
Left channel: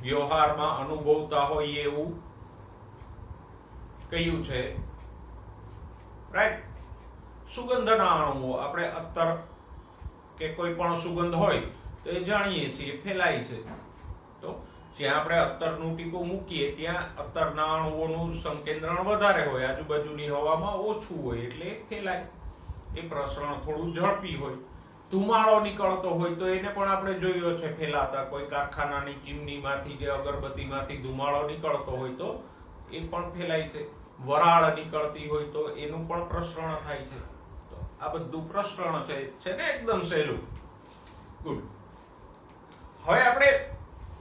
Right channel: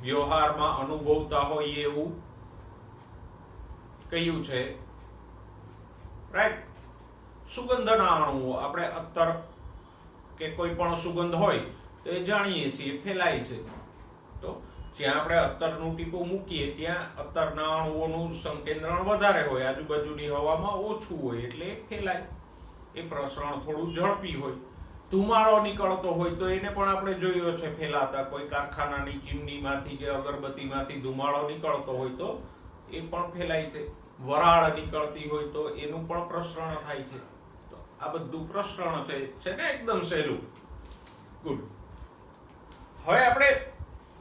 વ્યવહારમાં અનુભવતા હોઈએ એવું? કયું છે? રાઈટ, સુગંધના અણુઓ. આપણે અત્તર કે કોઈ પણ સુગંધ હોય તો એ જાણીએ છીએ, ફેલાય છે. તો જ્યાં આપણે અત્તરનું ટીપું મૂકીએ ત્યાં અત્તરના અણુઓનું સંકેન્દ્રણ વધારે હોય, આજુબાજુની હવામાં ઓછું હોય, એટલે ફેલાય. એ પ્રસરણ થોડું ઝડપી હોય. ધુમાડો નીકળતો હોય તો એને પણ આપણે જોયો છે ફેલાતા. કોઈ કારખાનાની ચીમનીમાંથી કે અગરબત્તીમાંથી ધુમાડો નીકળતો હોય તો એ પણ ફેલાય છે. વરાળ નીકળતી હોય તો એનું પણ પ્રસરણ થાય છે. તો આ બધું પ્રસરણ છે ને, એકદમ સહેલું. ગુડ. હવે આપણે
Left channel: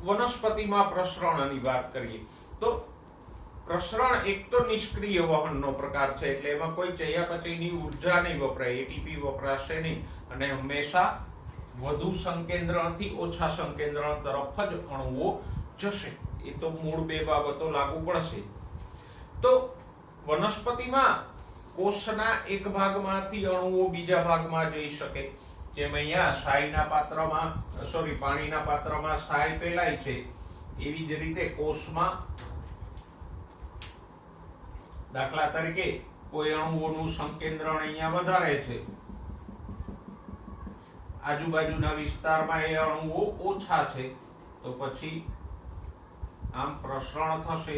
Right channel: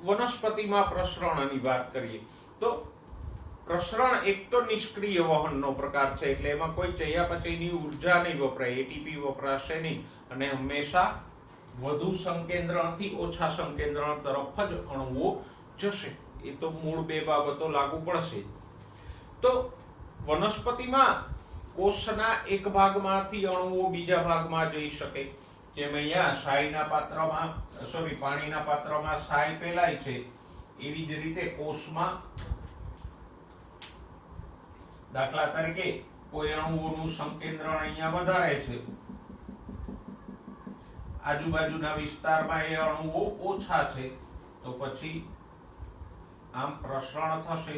વનસ્પતિમાં પ્રસરણની વાત કરીએ તો પ્રસરણ એક તો નિષ્ક્રિય વહનનો પ્રકાર છે, એટલે એમાં કોઈ ચયાપચયની ઉર્જા નહીં વપરાય, એટીપી વપરાશે નહીં, અને હંમેશા વધુ સંકેન્દ્રણથી ઓછા સંકેન્દ્રણ તરફ જ અણુઓ જશે. એ તો મૂળ બે બાબતો લાગુ પડશે. તો વનસ્પતિમાં કોષના એક ભાગમાંથી અણુઓ બીજા ભાગમાં જઈ શકે. જેમ અહીંયા શાહીના પાત્રમાં, પાણીના પાત્રમાં શાહી ફેલાય છે, એવી જ રીતે કોષમાં દાખલા તરીકે કોઈ અણુઓનું સંકેન્દ્રણ અહીંયા વધારે છે, આજુબાજુના વિસ્તારમાં એ અણુઓ ઓછા છે, તો પછી આમ પ્રસરણ થશે.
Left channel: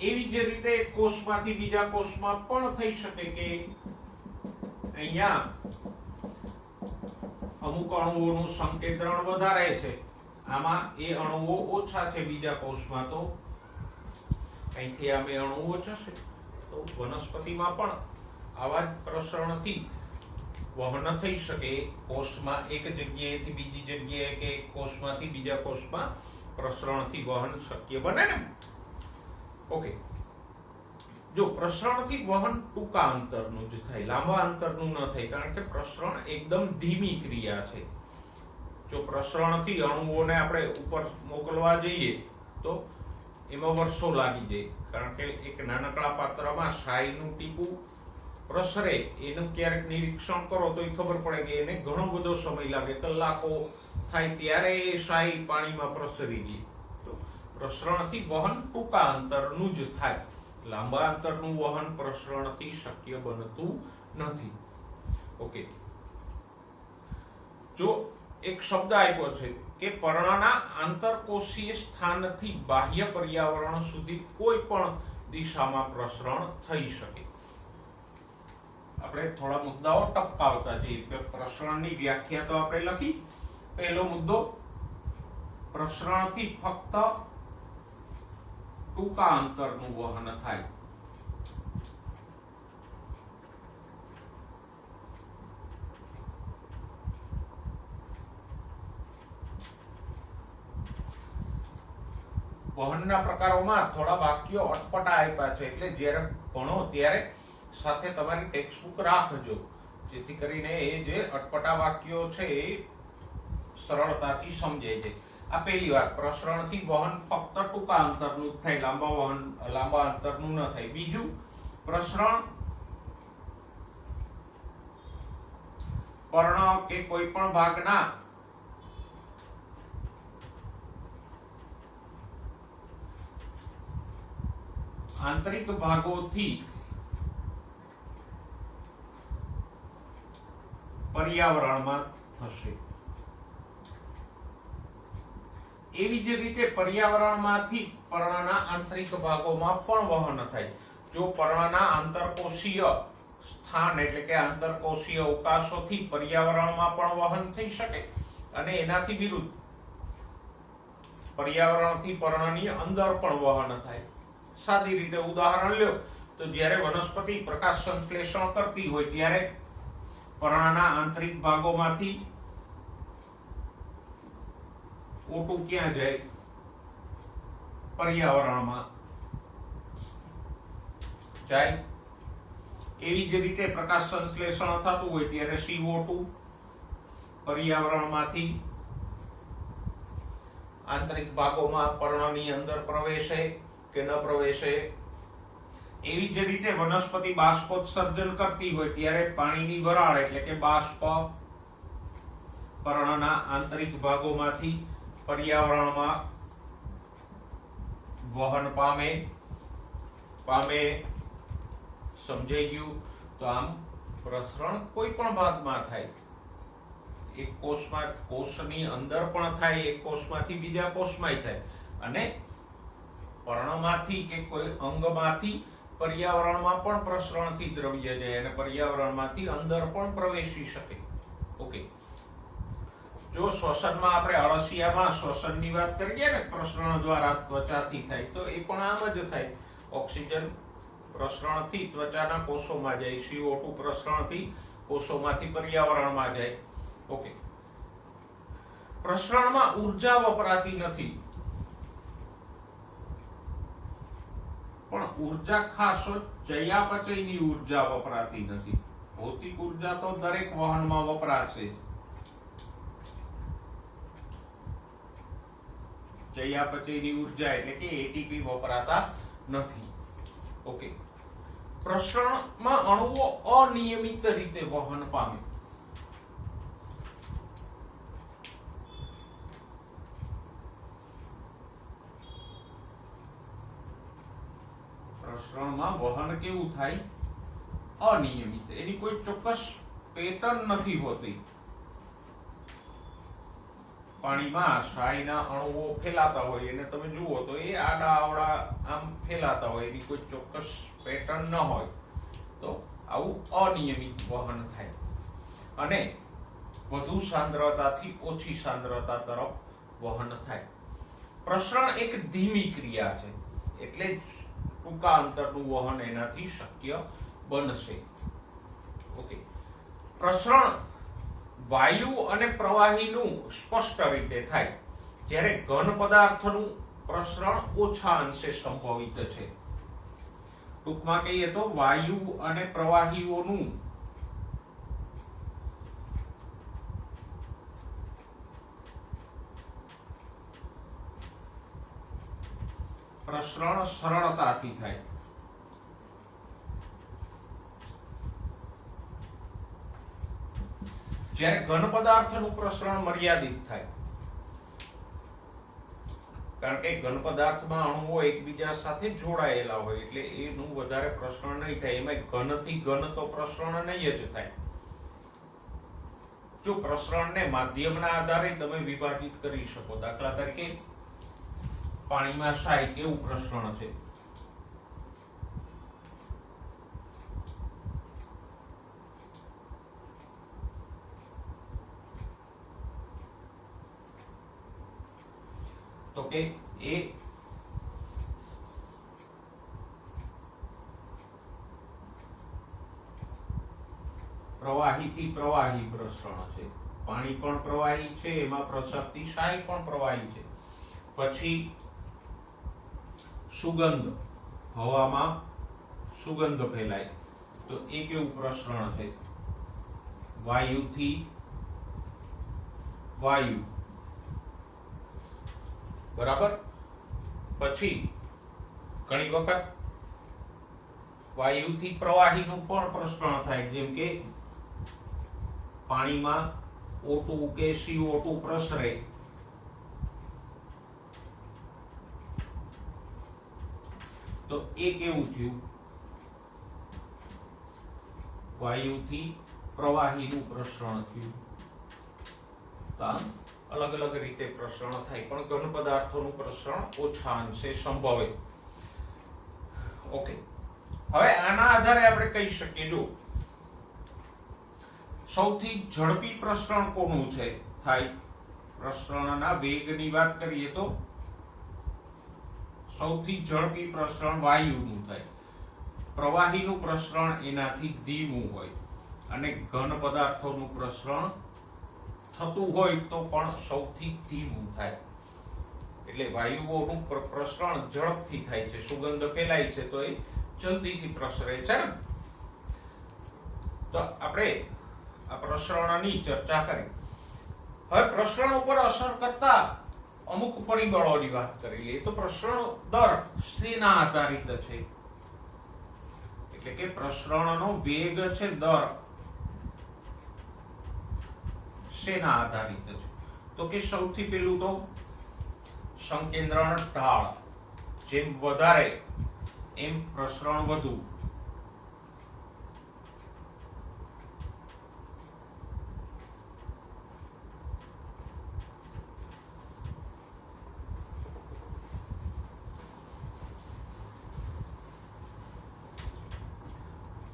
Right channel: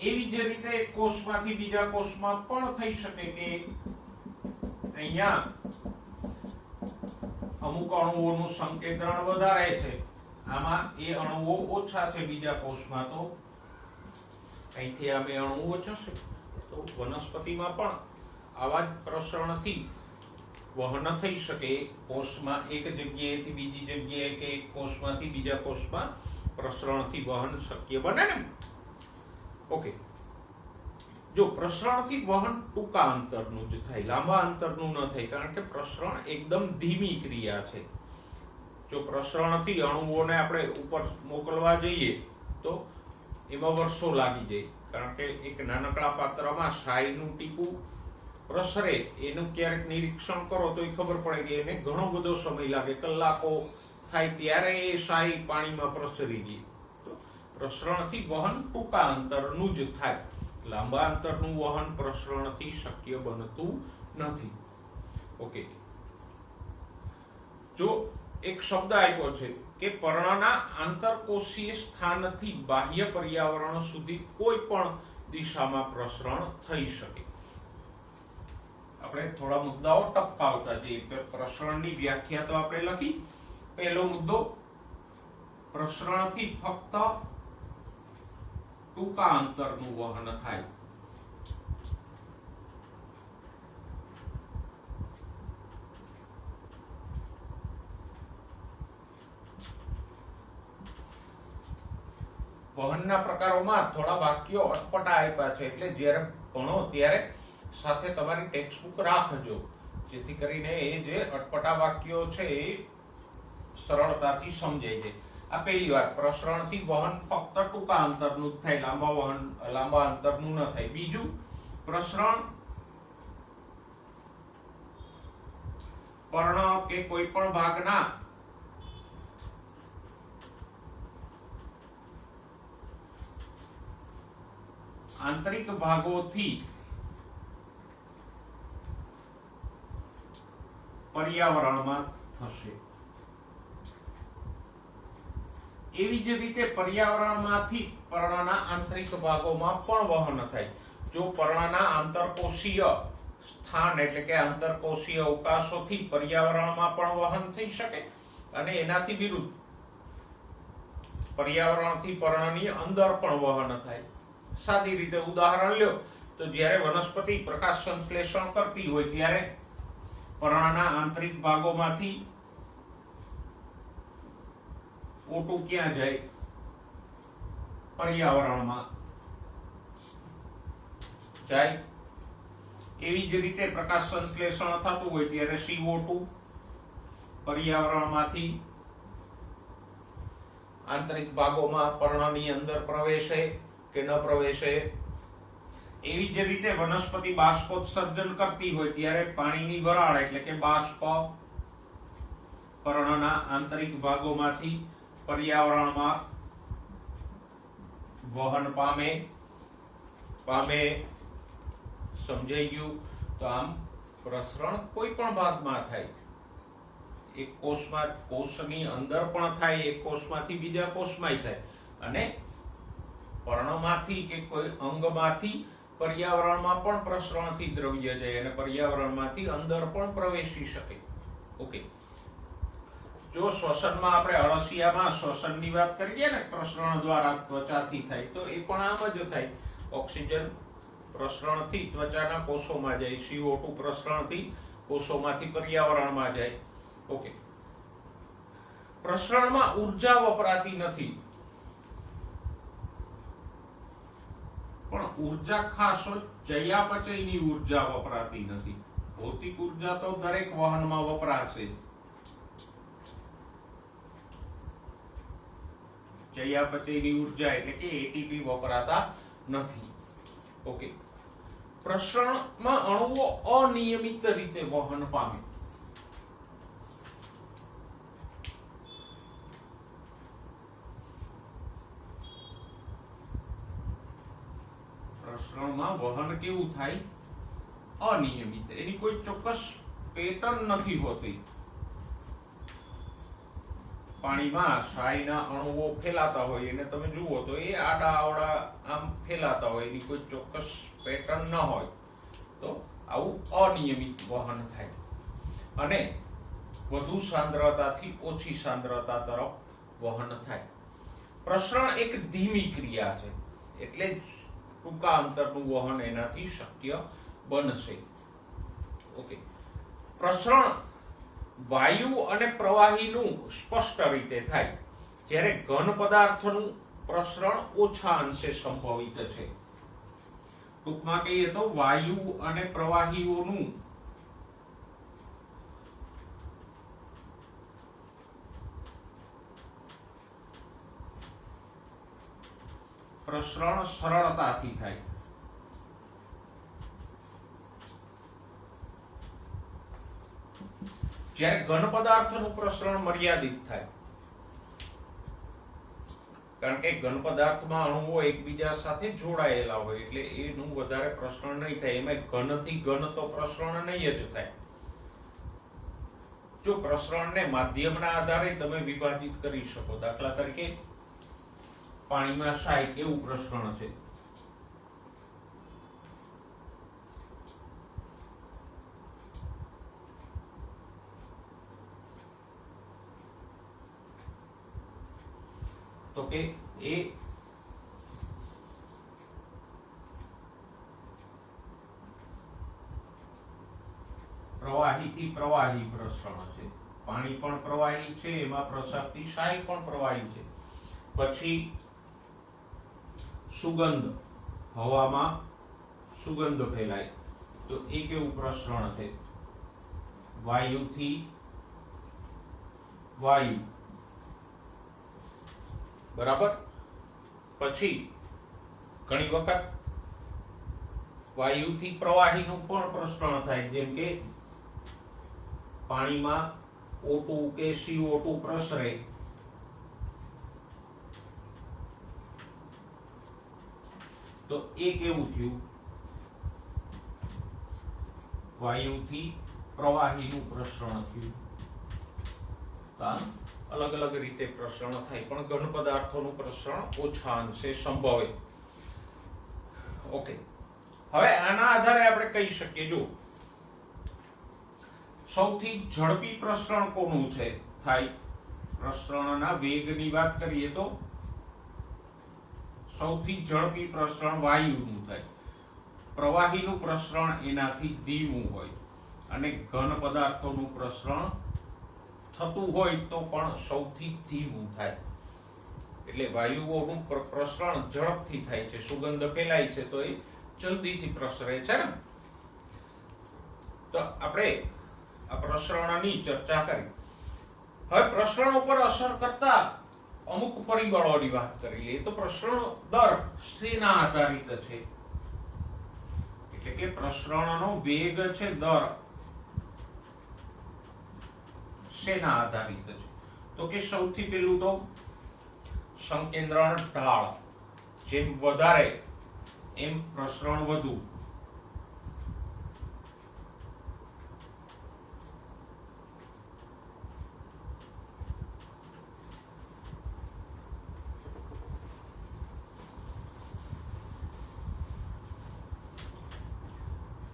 એવી જ રીતે કોષમાંથી બીજા કોષમાં પણ થઈ શકે કે અહીંયા અમુક અણુઓનું સંકેન્દ્રણ વધારે છે, આમાં એ અણુઓ ઓછા છે બીજા કોષમાં, તો અહીંથી આ બે અણુઓ જશે. તો વનસ્પતિમાં પણ આવા જ પ્રસરણથી વહન થઈ શકે. કોષમાં એક જગ્યાએથી બીજી જગ્યાએ કે કોષમાંથી બીજા કોષમાં પ્રસરણથી વહન શક્ય બને ને. ઓકે. જો પ્રસરણથી વહન ટૂંકા અંતરનું જ થાય, લાંબા અંતરનું ન થાય, કારણ કે પ્રસરણ એકદમ ધીમી ક્રિયા છે. જો પ્રસરણથી અણુઓને આપણે ઉપર મોકલવા જઈએ તો એમાં વર્ષો લાગી જાય, કારણ કે એક નાનકડા પાત્રમાં શાહીનું ટીપું પ્રસરે, એનું ક્યારેક નિરીક્ષણ કરો તો ખબર પડે કે એને ઘણો બધો સમય લાગે, કલાકો થાય ત્યારે એ શાહી પાણીમાં પ્રસરી ગઈ. તો પ્રસરણથી વહન ટૂંકા અંતરનું જ થાય, લાંબા અંતરનું વહન પ્રસરણથી શક્ય બનતું નથી. ઓકે. જો એક શબ્દ આપ્યો છે કે પર્ણના આંતરકોષીય સ્થાનથી બાહ્ય પર્યાવરણ સુધી કોઈ પણ દિશામાં પ્રસરણ થઈ શકે. આપણે થોડા મુદ્દાઓ ટપકાવતા જઈએ કે પ્રસરણની વ્યાખ્યા તો આપણે લખી. પહેલો મુદ્દો, પ્રસરણથી ફક્ત ટૂંકા અંતરનું વહન થાય. વહનના પ્રકારોમાં થોડા વાક્યો અટપટા આપ્યા છે, એટલે જ્યારે ભણો ત્યારે સાથે તમારી ટેક્સ્ટબુક રાખજો, જેથી કરીને એ જે અટપટા વાક્યો છે એ સરળતાથી સમજાઈ જાય. આ પહેલી વાત, પ્રસરણથી વહન ફક્ત ટૂંકા અંતરનું જ થાય, લાંબા અંતરનું ન થાય. બીજું, પ્રસરણ પર્ણ કે કોઈ પણ ભાગના આંતરિક ભાગોથી પર્યાવરણમાં થશે. એવી જ રીતે પર્યાવરણમાંથી પર્ણના આંતરિક ભાગોમાં પણ વહન થાય. જો પર્ણના આંતરકોષીય સ્થાન એટલે કે આંતરકોષીય અવકાશોથી પર્યાવરણમાં પણ વહન થઈ શકે અને એનાથી વિરુદ્ધ પર્યાવરણથી પર્ણની અંદર પણ વહન થાય. સાદી રીતે ઉદાહરણ લ્યો તો જ્યારે વનસ્પતિ પ્રકાશ સંશ્લેષણ કરતી હોય ત્યારે પર્ણના આંતરિક ભાગોમાંથી O2 ક્યાં જાય? પર્યાવરણમાં જાય. એવી જ રીતે પ્રકાશ સંશ્લેષણ થતું હોય ત્યારે CO2 પર્યાવરણમાંથી આંતરિક ભાગોમાં પર્ણની અંદર પ્રવેશે કે ન પ્રવેશે. એવી જ રીતે વનસ્પતિ બાષ્પોત્સર્જન કરતી હોય ત્યારે પાણીની વરાળ એટલે કે બાષ્પ પર્ણના આંતરિક ભાગોમાંથી પર્યાવરણમાં વહન પામે. સમજાઈ ગયું? તો આમ પ્રસરણ કોઈ પણ ભાગમાં થાય. એક કોષમાં કોષની અંદર પણ થાય, એક કોષમાંથી બીજા કોષમાં થાય અને પર્ણમાંથી કે કોઈ અંગમાંથી પર્યાવરણમાં પણ પ્રસરણથી દ્રવ્ય જાય અને પર્યાવરણમાંથી અંદર પણ પ્રવેશી શકે. ઓકે. જો શ્વસનમાં આપણે અળસિયામાં શ્વસનની વાત કરીએ ને પ્રસરણ દ્વારા ત્વચાથી થાય તો એ પણ આમ જ થાય. ઓક્સિજન પ્રસરણથી ત્વચાના કોષોમાં જાય, CO2 પ્રસરણથી કોષોમાંથી પર્યાવરણમાં જાય. ઓકે. પ્રસરણમાં ઊર્જા વપરાતી નથી, પણ ઊર્જા ખાસ ચયાપચયની ઊર્જા વપરાતી નથી. ભૌતિક ઊર્જા તો દરેક વહનમાં વપરાશે. ચયાપચયની ઊર્જા એટલે કે એટીપી વપરાતા નથી. ઓકે. પ્રસરણમાં અણુઓ અનિયમિત રીતે વહન પામે. પ્રસરણમાં વહન કેવું થાય? અનિયમિત. એની કોઈ ચોક્કસ પેટર્ન નથી હોતી. પાણીમાં શાહીના અણુઓ ફેલાતા હોય અને તમે જુઓ તો એ આડા આવડા આમ ફેલાતા હોય, એની કોઈ ચોક્કસ પેટર્ન ન હોય. તો આવું અનિયમિત વહન થાય અને વધુ સાંદ્રતાથી ઓછી સાંદ્રતા તરફ વહન થાય. પ્રસરણ એક ધીમી ક્રિયા છે એટલે જ ટૂંકા અંતરનું વહન એનાથી શક્ય બનશે. ઓકે. પ્રસરણ વાયુ અને પ્રવાહીનું સ્પષ્ટ રીતે થાય, જ્યારે ઘન પદાર્થનું પ્રસરણ ઓછા અંશે સંભવિત છે. ટૂંકમાં કહીએ તો વાયુ અને પ્રવાહીઓનું પ્રસરણ સરળતાથી થાય. જ્યારે ઘન પદાર્થનું પ્રસરણ મર્યાદિત થાય, કારણ કે ઘન પદાર્થમાં અણુઓ એકબીજા સાથે જોડાયેલા હોય એટલે એનું વધારે પ્રસરણ નહીં થાય. એમાં ઘનથી ઘન તો પ્રસરણ નહીં જ થાય. જો પ્રસરણને માધ્યમના આધારે તમે વિભાજિત કરી શકો. દાખલા તરીકે પાણીમાં શાય કેવું પ્રસરણ છે? તો કે એ પ્રવાહીથી પ્રવાહી પ્રસરણ છે. પાણી પણ પ્રવાહી છે, એમાં પ્રસરતી શાય પણ પ્રવાહી છે. પછી સુગંધ, હવામાં સુગંધ ફેલાય તો એ કેવું પ્રસરણ છે? વાયુથી વાયુ. બરાબર. પછી ઘણી વખત વાયુથી પ્રવાહીનું પણ પ્રસરણ થાય, જેમ કે પાણીમાં O2 કે CO2 પ્રસરે તો એ કેવું થયું? વાયુથી પ્રવાહીનું પ્રસરણ થયું. અલગ અલગ રીતે પ્રસરણ થાય, પણ ઘન પદાર્થોનું પ્રસરણ ઓછા અંશે સંભવે. ઓકે, હવે આના આધારે આપણે કહી શકીએ, જો સૌથી ઝડપી પ્રસરણ કોનું છે થાય? પ્રસરણના વેગની વાત કરીએ તો સૌથી ઝડપી પ્રસરણ વાયુનું થાય. પ્રવાહીનું પ્રસરણ એનાથી ધીમું હોય, અને ઘન પદાર્થોનું પ્રસરણ થતું હોય તો પણ સૌથી ધીમું થાય. એટલે વાયુઓનું પ્રસરણ ઝડપથી થાય છે. સુગંધ ફેલાય છે તો એ જલ્દીથી પ્રસરે છે ને. તો આપણે આ પ્રસરણની ચર્ચા કરી. હવે પ્રસરણ ઉપર અસર કરતા અમુક પરિબળોની વાત કરી લઈએ. તો પ્રસરણ દર શેના આધારિત છે? એટલે કે પ્રસરણનો વેગ છે, દર શેના આધારિત છે? તો કે સૌથી પહેલું તો સંકેન્દ્રણ ઢાળ. જેમ વધારે એમ પ્રસરણ વધુ.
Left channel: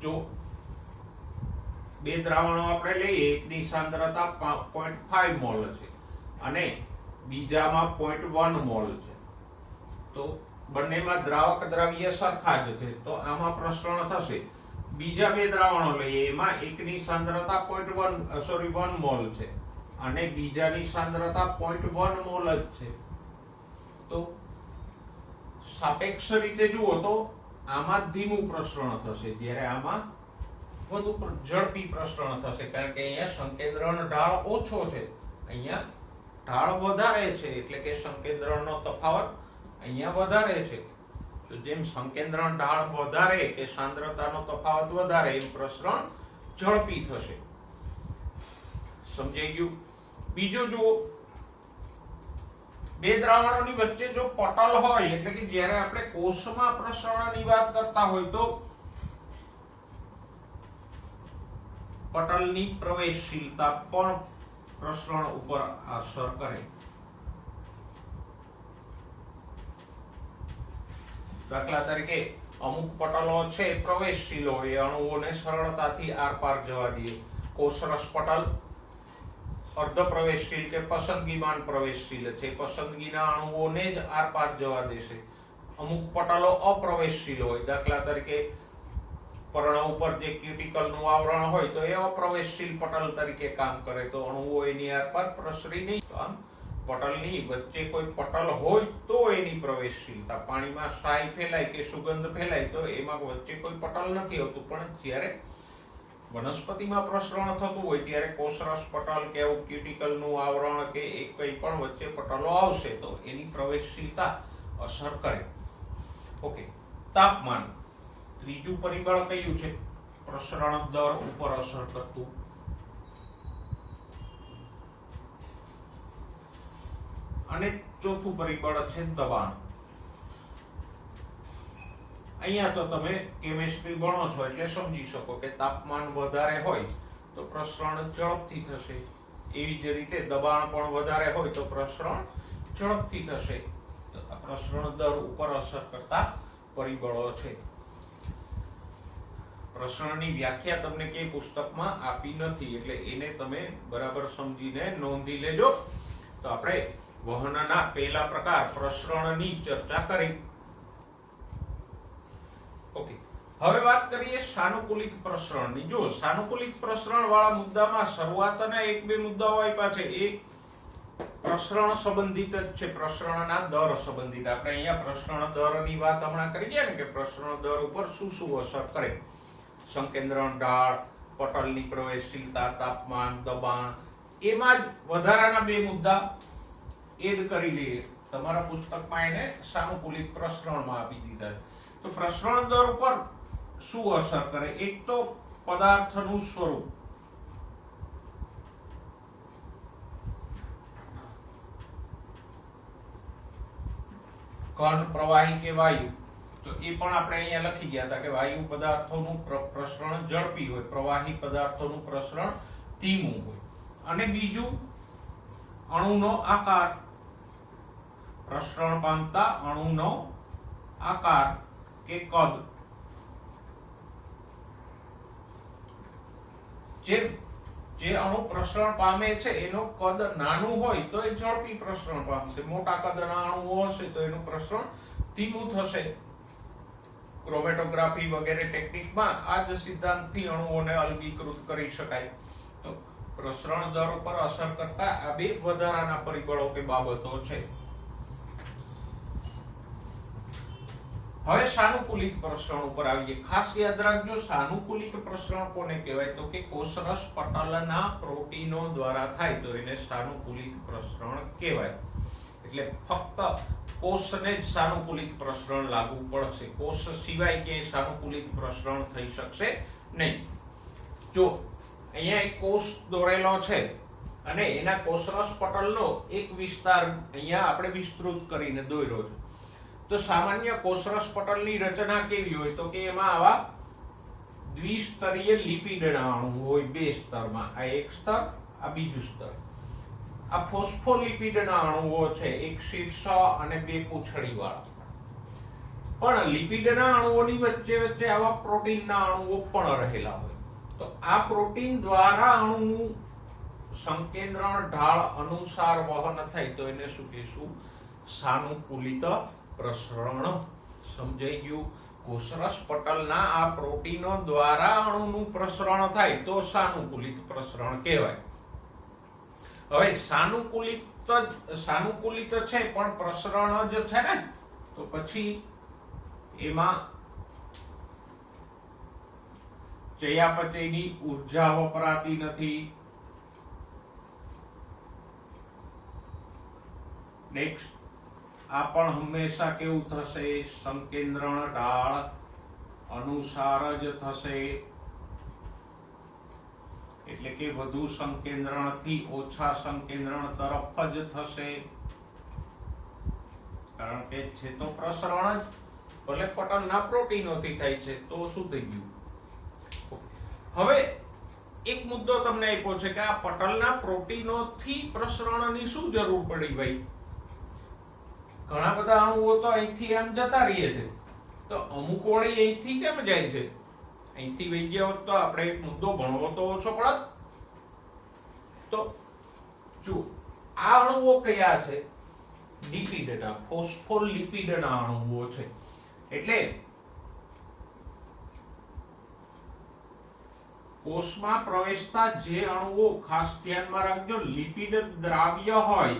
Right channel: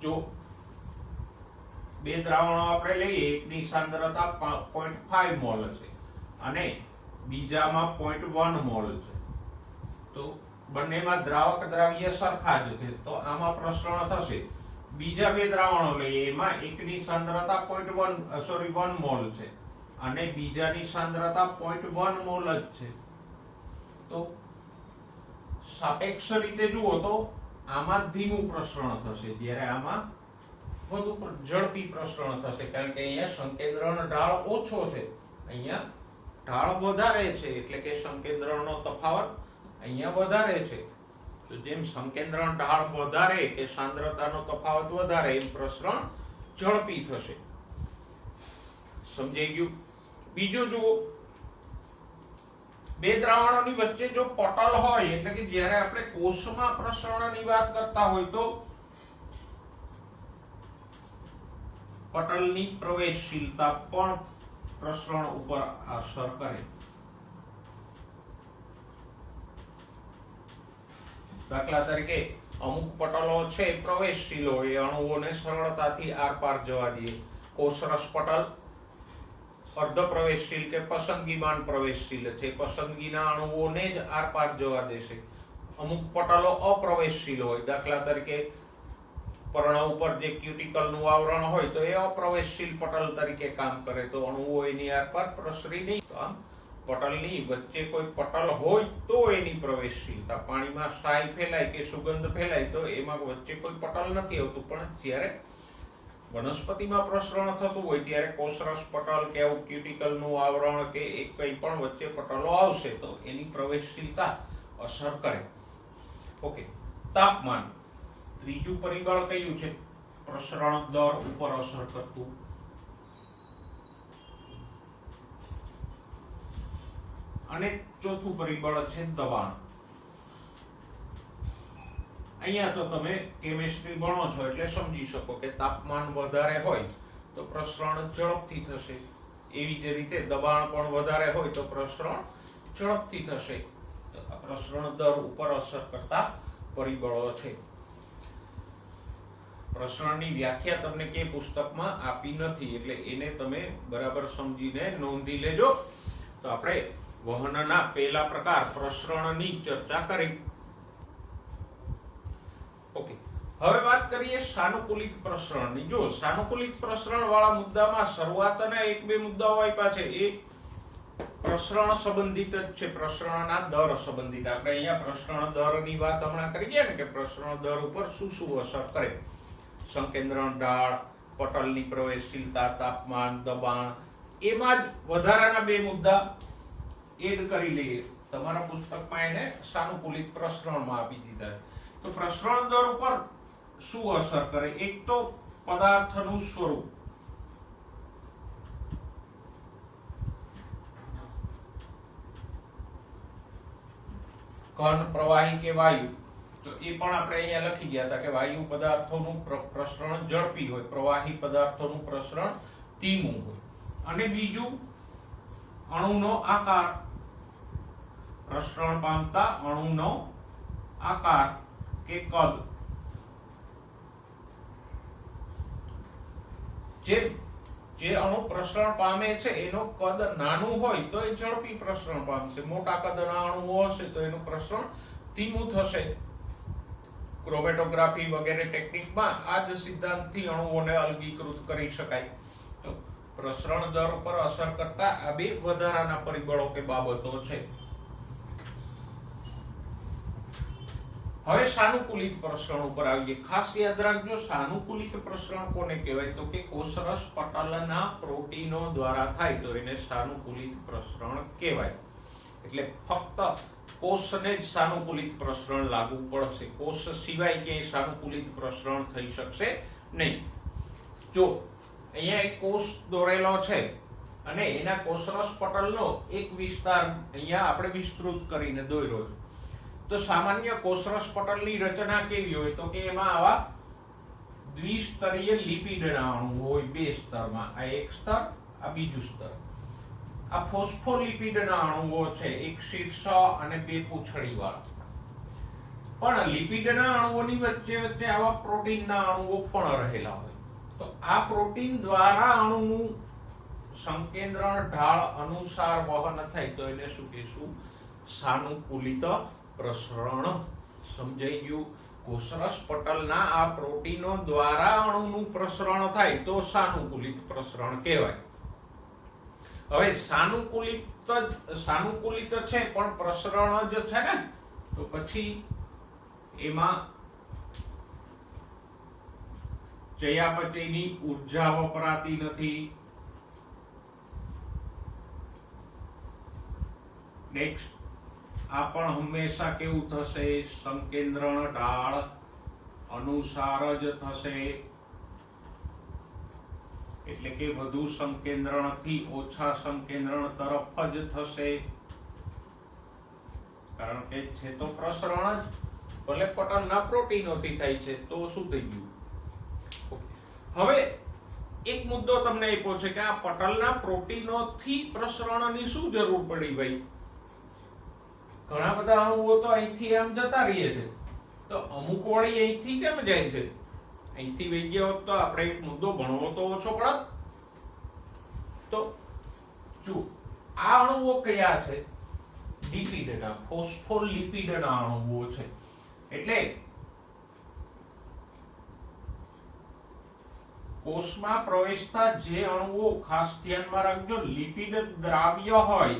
જો બે દ્રાવણો આપણે લઈએ, એકની સાંદ્રતા 0.5 મોલ છે અને બીજામાં 0.1 મોલ છે, તો બંનેમાં દ્રાવક દ્રવ્ય સરખા જ છે, તો આમાં પ્રસરણ થશે. બીજા બે દ્રાવણો લઈએ, એમાં એકની સાંદ્રતા 1 મોલ છે અને બીજાની સાંદ્રતા 0.1 મોલ જ છે, તો સાપેક્ષ રીતે જુઓ તો આમાં ધીમું પ્રસરણ થશે, જ્યારે આમાં વધુ ઝડપી પ્રસરણ થશે. કારણ કે અહીંયા સંકેન્દ્રણ ઢાળ ઓછો છે, અહીંયા ઢાળ વધારે છે, એટલે કે સંકેન્દ્રણનો તફાવત અહીંયા વધારે છે. તો જેમ સંકેન્દ્રણ ઢાળ વધારે કે સાંદ્રતાનો તફાવત વધારે, એમ પ્રસરણ ઝડપી થશે. સમજાઈ ગયું? બીજું જુઓ, બે દ્રાવણોની વચ્ચે જો પટલ હોય, એટલે કે જ્યારે આપણે કોષમાં પ્રસરણની વાત કરતા હોય તો પટલની પ્રવેશશીલતા પણ પ્રસરણ ઉપર અસર કરે. દાખલા તરીકે અમુક પટલો છે પ્રવેશશીલ હોય, અણુઓને સરળતાથી આરપાર જવા દે. કોષરસ પટલ અર્ધ પ્રવેશશીલ કે પસંદગીમાન પ્રવેશશીલ છે, પસંદગીના અણુઓને જ આરપાર જવા દેશે. અમુક પટલો અપ્રવેશશીલ હોય, દાખલા તરીકે પર્ણ ઉપર જે ક્યુટિકલનું આવરણ હોય તો એ અપ્રવેશશીલ પટલ તરીકે કામ કરે, તો અણુઓ એની આરપાર પ્રસરી નહીં. આમ પટલની વચ્ચે કોઈ પટલ હોય તો એની પ્રવેશશીલતા. પાણીમાં સાય ફેલાય કે સુગંધ ફેલાય તો એમાં વચ્ચે કોઈ પટલ નથી હોતું, પણ જ્યારે વનસ્પતિમાં પ્રસરણ થતું હોય ત્યારે કોષરસ પટલ કે એવું ક્યુટિકલનું આવરણ કે એક કંઈ પણ વચ્ચે પટલો આવશે તો એની પ્રવેશશીલતા અસર કરે. ઓકે, તાપમાન ત્રીજું પરિબળ કયું છે પ્રસરણ દર ઉપર અસર કરતું? અને ચોથું પરિબળ છે દબાણ. અહીંયા તો તમે કેમિસ્ટ્રી ભણો છો એટલે સમજી શકો કે તાપમાન વધારે હોય તો પ્રસરણ ઝડપથી થશે, એવી જ રીતે દબાણ પણ વધારે હોય તો પ્રસરણ ઝડપથી થશે. પ્રસરણ દર ઉપર અસર કરતા પરિબળો છે. પ્રસરણની વ્યાખ્યા તમને કે પુસ્તકમાં આપી નથી, એટલે એને તમે બરાબર સમજીને નોંધી લેજો. તો આપણે વહનના પહેલા પ્રકાર પ્રસરણની ચર્ચા કરી. ઓકે, હવે વાત કરીએ સાનુકૂલિત પ્રસરણની. જો સાનુકૂલિત પ્રસરણ વાળા મુદ્દામાં શરૂઆતના એક બે મુદ્દાઓ આપ્યા છે, એ પ્રસરણ સંબંધિત જ છે, પ્રસરણના દર સંબંધિત. આપણે અહીંયા પ્રસરણ દરની વાત હમણાં કરી ગયા ને કે પ્રસરણ દર ઉપર શું શું અસર કરે. સંકેન્દ્રણ ઢાળ, પટલની પ્રવેશશીલતા, તાપમાન, દબાણ, એમાં જ વધારાના બે મુદ્દા એડ કરી લઈએ. તમારા પુસ્તકમાં એને સાનુકૂલિત પ્રસરણમાં આપી દીધા છે. તો પ્રસરણ દર ઉપર શું અસર કરે? એક તો પદાર્થનું સ્વરૂપ. ઘન, પ્રવાહી કે વાયુ, તો એ પણ આપણે અહીંયા લખી ગયા હતા કે વાયુ પદાર્થોનું પ્રસરણ ઝડપી હોય, પ્રવાહી પદાર્થોનું પ્રસરણ ધીમું હોય. અને બીજું અણુનો આકાર, પ્રસરણ પામતા અણુનો આકાર કે કદ. જે અણુ પ્રસરણ પામે છે એનો કદ નાનું હોય તો એ ઝડપી પ્રસરણ પામશે, મોટા કદના અણુઓ હશે તો એનું પ્રસરણ ધીમું થશે. ક્રોમેટોગ્રાફી વગેરે ટેકનિકમાં આ જ સિદ્ધાંતથી અણુઓને અલગીકૃત કરી શકાય. તો પ્રસરણ દર ઉપર અસર કરતા આ બે વધારાના પરિબળો કે બાબતો છે. હવે સાનુકૂલિત પ્રસરણ ઉપર આવીએ. ખાસ યાદ રાખજો, સાનુકૂલિત પ્રસરણ કોને કહેવાય? તો કે કોષરસ પટલના પ્રોટીનો દ્વારા થાય તો એને સાનુકૂલિત પ્રસરણ કહેવાય. એટલે ફક્ત કોષને જ સાનુકૂલિત પ્રસરણ લાગુ પડશે, કોષ સિવાય ક્યાંય સાનુકૂલિત પ્રસરણ થઈ શકશે નહીં. જો અહીંયા એક કોષ દોરેલો છે અને એના કોષરસ પટલનો એક વિસ્તાર અહીંયા આપણે વિસ્તૃત કરીને દોર્યો છે. તો સામાન્ય કોષરસ પટલની રચના કેવી હોય? તો કે એમાં આવા દ્વિસ્તરીય લિપિડના અણુ હોય, બે સ્તરમાં. આ એક સ્તર, આ બીજું સ્તર. આ ફોસ્ફોલિપિડના અણુઓ છે, એક શીર્ષ અને બે પૂંછડી વાળા. પણ લિપિડના અણુઓની વચ્ચે વચ્ચે આવા પ્રોટીનના અણુઓ પણ રહેલા હોય. તો આ પ્રોટીન દ્વારા અણુનું સંકેન્દ્રણ ઢાળ અનુસાર વહન થાય તો એને શું કહીશું? સાનુકૂલિત પ્રસરણ. સમજાઈ ગયું? કોષરસ પટલના આ પ્રોટીનો દ્વારા અણુનું પ્રસરણ થાય તો સાનુકૂલિત પ્રસરણ કહેવાય. હવે સાનુકૂલિત છે પણ પ્રસરણ જ છે ને, તો પછી એમાં ચયાપચયની ઉર્જા વપરાતી નથી. નેક્સ્ટ, આ પણ હંમેશા કેવું થશે? સંકેન્દ્રણ ઢાળ અનુસાર જ થશે. એટલે કે વધુ સંકેન્દ્રણથી ઓછા સંકેન્દ્રણ તરફ જ થશે, કારણ કે છે તો પ્રસરણ જ, ભલે પટલના પ્રોટીનોથી થાય છે. તો શું થઈ ગયું? હવે એક મુદ્દો તમને આપ્યો છે કે આ પટલના પ્રોટીનોથી પ્રસરણની શું જરૂર પડી ભાઈ? ઘણા બધા અણુઓ તો અહીંથી આમ જતા રહીએ છે, તો અમુક વળી અહીંથી કેમ જાય છે? અહીંથી વહી ગયા હોત તો આપણે એક મુદ્દો ભણવો તો ઓછો પડત. તો જો આ અણુઓ કયા છે? લિપિડના, ફોસ્ફોલિપિડના અણુઓ છે. એટલે કોષમાં પ્રવેશતા જે અણુઓ, ખાસ ધ્યાનમાં રાખજો, લિપિડ દ્રાવ્ય હોય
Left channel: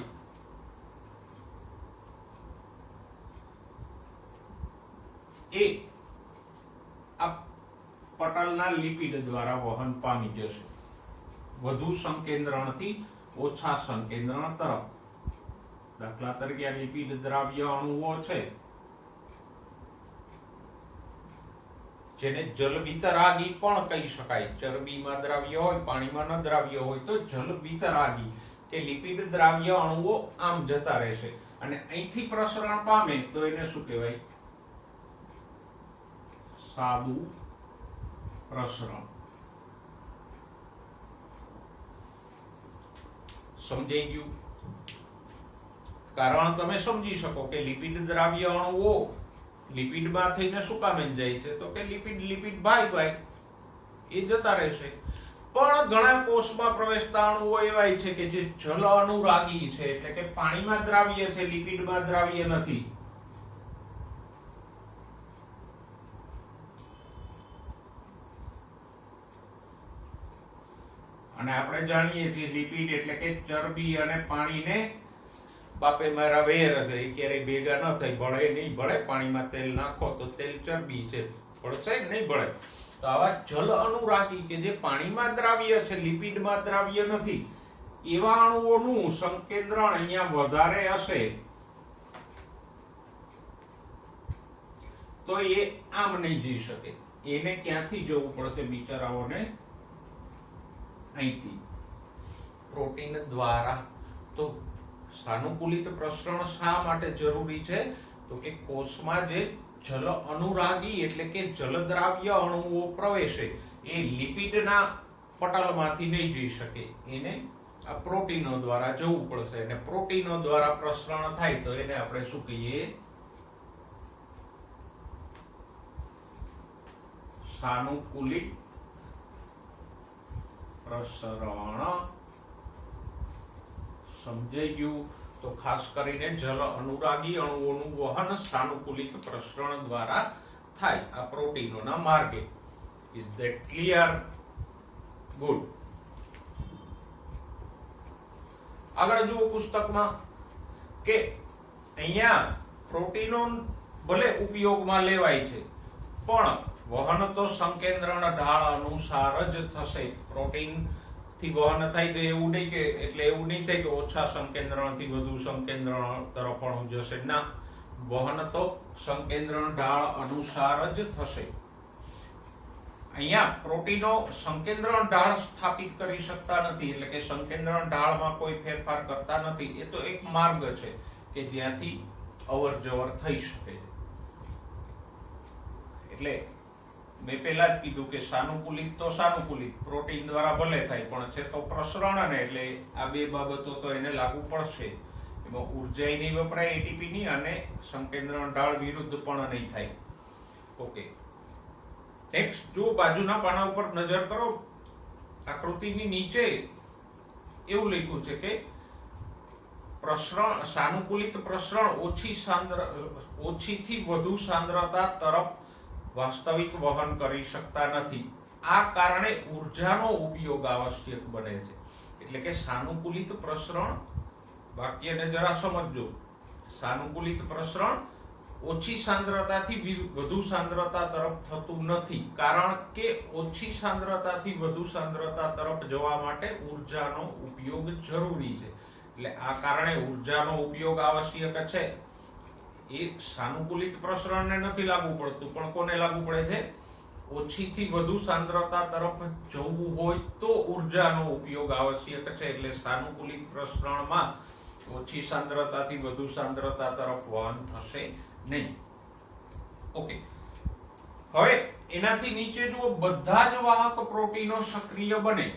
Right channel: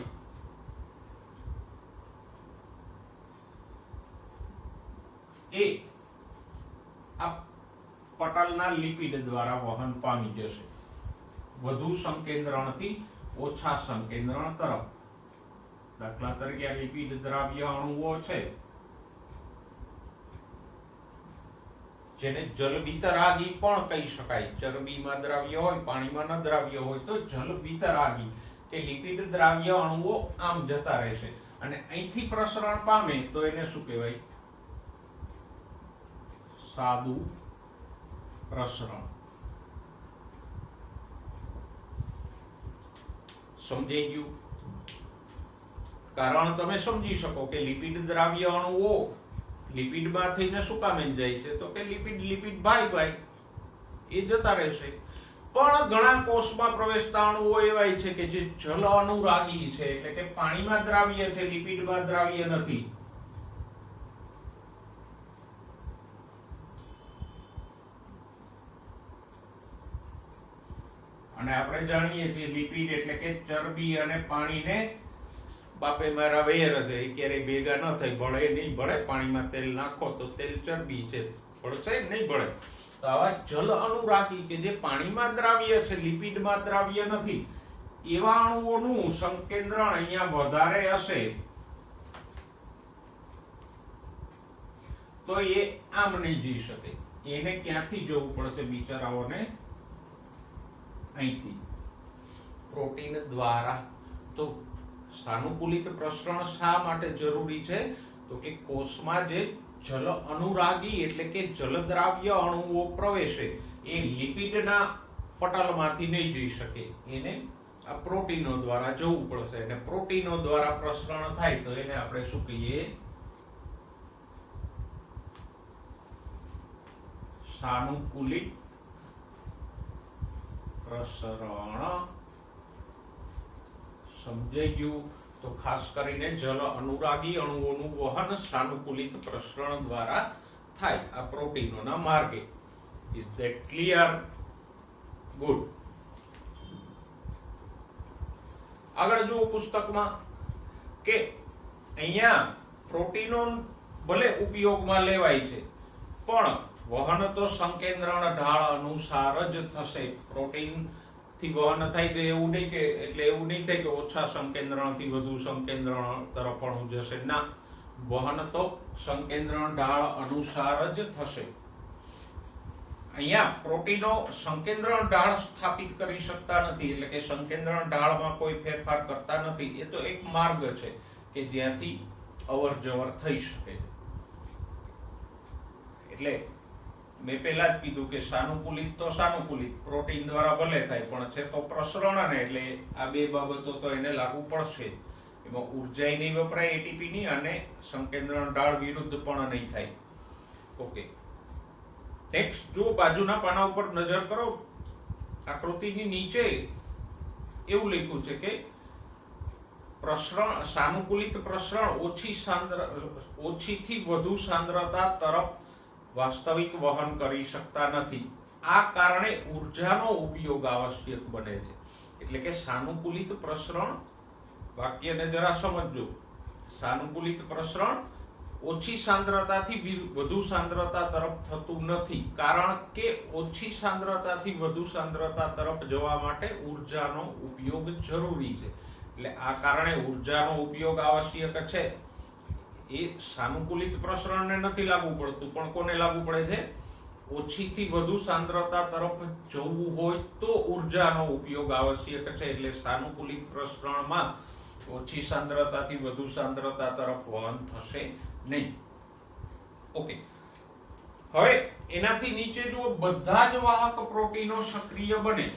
એ આ પટલના લિપિડ દ્વારા વહન પામી જશે, વધુ સંકેન્દ્રણથી ઓછા સંકેન્દ્રણ તરફ. દાખલા તરીકે લિપિડ દ્રાવ્ય અણુઓ છે જેને જલવિતરાગી પણ કહી શકાય. ચરબીમાં દ્રાવ્ય હોય, પાણીમાં ન દ્રાવ્ય હોય તો જલવિતરાગી કે લિપિડ દ્રાવ્ય અણુઓ આમ જતા રહેશે અને અહીંથી પ્રસરણ પામે તો એને શું કહેવાય? સાદુ પ્રસરણ. સમજાઈ ગયું? કારણ તમે સમજી શકો કે લિપિડ દ્રાવ્ય અણુઓ લિપિડમાં થઈને શું કામે જાય છે? તો કે લિપિડ ભાઈ એ જતા રહેશે. પણ ઘણા કોષમાં પ્રવેશતા અણુઓ એવા છે કે જે જલ અનુરાગી છે, એટલે કે પાણીમાં દ્રાવ્ય છે, લિપિડમાં દ્રાવ્ય નથી. અને આપણે જાણીએ છીએ લિપિડ એટલે કે ચરબી અને પાણીને બાપે મારા વેર છે, ક્યારેય ભેગા ન થાય. ભળે નહીં ભળે, પાણીમાં તેલ નાખો તો તેલ ચરબી છે, ભળશે નહીં ભળે. તો આવા જલ અનુરાગી કે જે પાણીમાં દ્રાવ્ય છે, લિપિડમાં દ્રાવ્ય નથી, એવા અણુઓનું સંકેન્દ્રણ અહીંયા વધારે હશે તો એ આમ નહીં જઈ શકે. એને ક્યાંથી જવું પડશે બિચારાઓને? અહીંથી, પ્રોટીન દ્વારા. તો સાનુકૂલિત પ્રસરણ શા માટે જરૂરી છે? તો કે કોષમાં જે જલ અનુરાગી એટલે કે જલદ્રાવ્ય અણુઓ પ્રવેશે એ લિપિડના પટલમાંથી નહીં જઈ શકે, એને આ પ્રોટીનો દ્વારા જવું પડશે, અને પ્રોટીનો દ્વારા પ્રસરણ થાય તો એને આપણે શું કહીએ? સાનુકૂલિત પ્રસરણ. સમજાઈ ગયું? તો ખાસ કરીને જલ અનુરાગી અણુઓનું વહન સાનુકૂલિત પ્રસરણ દ્વારા થાય આ પ્રોટીનોના માર્ગે. Is that clear? ગુડ. આગળ જુઓ પુસ્તકમાં કે અહીંયા પ્રોટીનો ભલે ઉપયોગમાં લેવાય છે પણ વહન તો સંકેન્દ્રણ ઢાળ અનુસાર જ થશે. પ્રોટીન થી વહન થાય તો એવું નહીં કે એવું નહીં થાય કે ઓછા સંકેન્દ્રણ થી વધુ સંકેન્દ્રણ તરફ અણુ જશે. ના, વહન તો સંકેન્દ્રણ ઢાળ અનુસાર જ થશે. અહીંયા પ્રોટીનો સંકેન્દ્રણ ઢાળ સ્થાપિત કરી શકતા નથી, એટલે કે સંકેન્દ્રણ ઢાળમાં કોઈ ફેરફાર કરતા નથી. એ તો એક માર્ગ છે કે જ્યાંથી અવર જવર થઈ શકે. એટલે મેં પહેલા જ કીધું કે સાનુકૂલિત તો સાનુકૂલિત પ્રોટીન દ્વારા ભલે થાય પણ છે તો પ્રસરણ, ને એટલે આ બે બાબતો તો એને લાગુ પડશે. એમાં ઉર્જા નહીં વપરાય એટીપી ની, અને સંકેન્દ્રણ ઢાળ વિરુદ્ધ પણ નહીં થાય. ઓકે, નેક્સ્ટ જો બાજુના પાના ઉપર નજર કરો, આકૃતિની નીચે એવું લખ્યું છે કે પ્રસરણ, સાનુકૂલિત પ્રસરણ ઓછીથી વધુ સાંદ્રતા તરફ વાસ્તવિક વહન કરી શકતા નથી. આ કારણે ઉર્જાનો ઉપયોગ આવશ્યક બને છે. એટલે કે સાનુકૂલિત પ્રસરણ, વાક્યને જરા સમજજો. સાનુકૂલિત પ્રસરણ ઓછી સાંદ્રતાથી વધુ સાંદ્રતા તરફ થતું નથી, કારણ કે ઓછી સાંદ્રતાથી વધુ સાંદ્રતા તરફ જવા માટે ઉર્જાનો ઉપયોગ જરૂરી છે. એટલે આ કારણે ઉર્જાનો ઉપયોગ આવશ્યક છે. એ સાનુકૂલિત પ્રસરણને નથી લાગુ પડતું, પણ કોને લાગુ પડે છે? ઓછીથી વધુ સાંદ્રતા તરફ જવું હોય તો ઉર્જાનો ઉપયોગ આવશ્યક છે. એટલે સાનુકૂલિત પ્રસરણમાં ઓછી સાંદ્રતાથી વધુ સાંદ્રતા તરફ વહન થશે નહીં. ઓકે, હવે એનાથી નીચે જુઓ, બધા જ વાહક પ્રોટીનો સક્રિય બને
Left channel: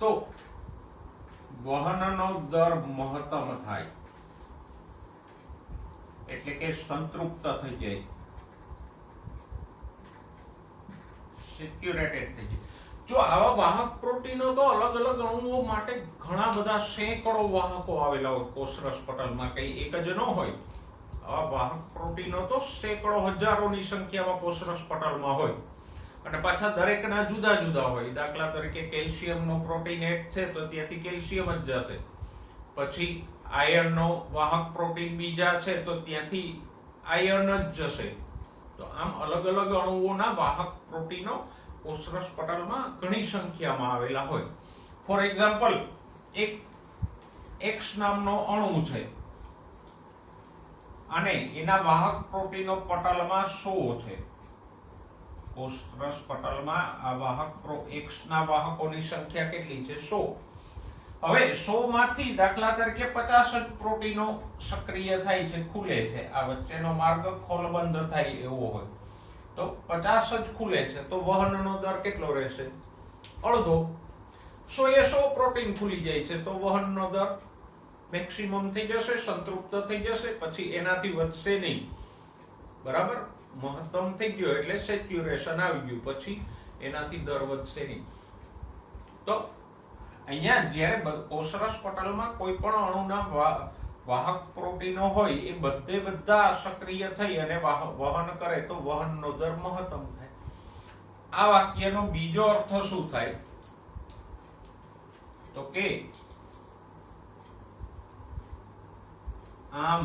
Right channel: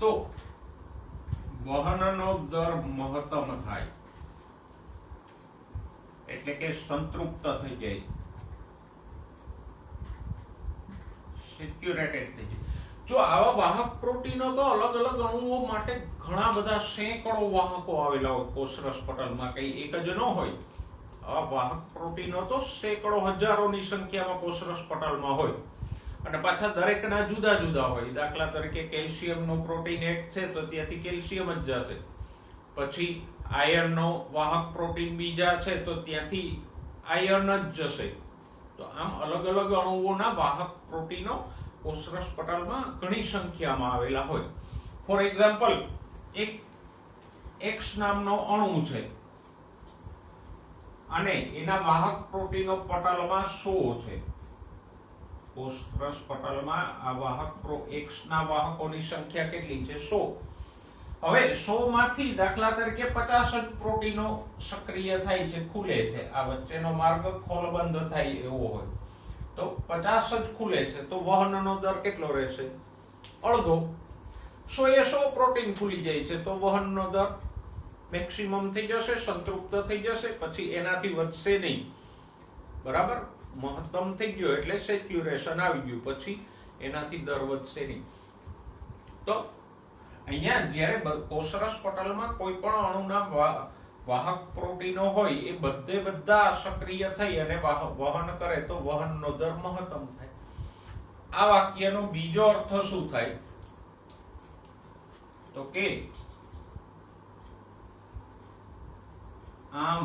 તો વહનનો દર મહત્તમ થાય, એટલે કે સંતૃપ્ત થઈ જાય, સેચ્યુરેટેડ થઈ જાય. જો આવા વાહક પ્રોટીનો તો અલગ અલગ અણુઓ માટે ઘણા બધા સેંકડો વાહકો આવેલા હોય કોષરસ પટલમાં, કઈ એક જ ન હોય. આવા વાહક પ્રોટીનો તો સેંકડો હજારોની સંખ્યામાં કોષરસ પટલમાં હોય, અને પાછા દરેકના જુદા જુદા હોય. દાખલા તરીકે કેલ્શિયમનો પ્રોટીન એક છે તો ત્યાંથી કેલ્શિયમ જ જશે. પછી આયર્નનો વાહક પ્રોટીન બીજા છે તો ત્યાંથી આયર્ન જ જશે. તો આમ અલગ અલગ અણુઓના વાહક પ્રોટીનો કોષરસ પટલમાં ઘણી સંખ્યામાં આવેલા હોય. ફોર એક્ઝામ્પલ, એક એક્સ નામનો અણુ છે અને એના વાહક પ્રોટીનો પટલમાં 100 છે. કોષરસ પટલમાં આ વાહક એક્સ ના વાહકોની સંખ્યા કેટલી છે? 100. હવે 100 માંથી દાખલા તરીકે 50 જ પ્રોટીનો સક્રિય થાય છે, ખુલે છે. આ વચ્ચેનો માર્ગ ખોલબંધ થાય એવો હોય તો 50 જ ખુલે છે, તો વહનનો દર કેટલો રહેશે? અડધો. 100 પ્રોટીન ખુલી જાય છે તો વહનનો દર મેક્સિમમ થઈ જશે, સંતૃપ્ત થઈ જશે, પછી એનાથી વધશે નહીં. બરાબર, મહત્તમ થઈ ગયો એટલે સેચ્યુરેશન આવી ગયું, પછી એનાથી દર વધશે નહીં. તો અહીંયા જ્યારે કોષરસ પટલમાં કોઈ પણ અણુના વાહક પ્રોટીનો હોય એ બધા સક્રિય થઈ અને વહન કરે તો વહનનો દર મહત્તમ થાય. આ વાક્યનો બીજો અર્થ શું થાય? તો કે આમ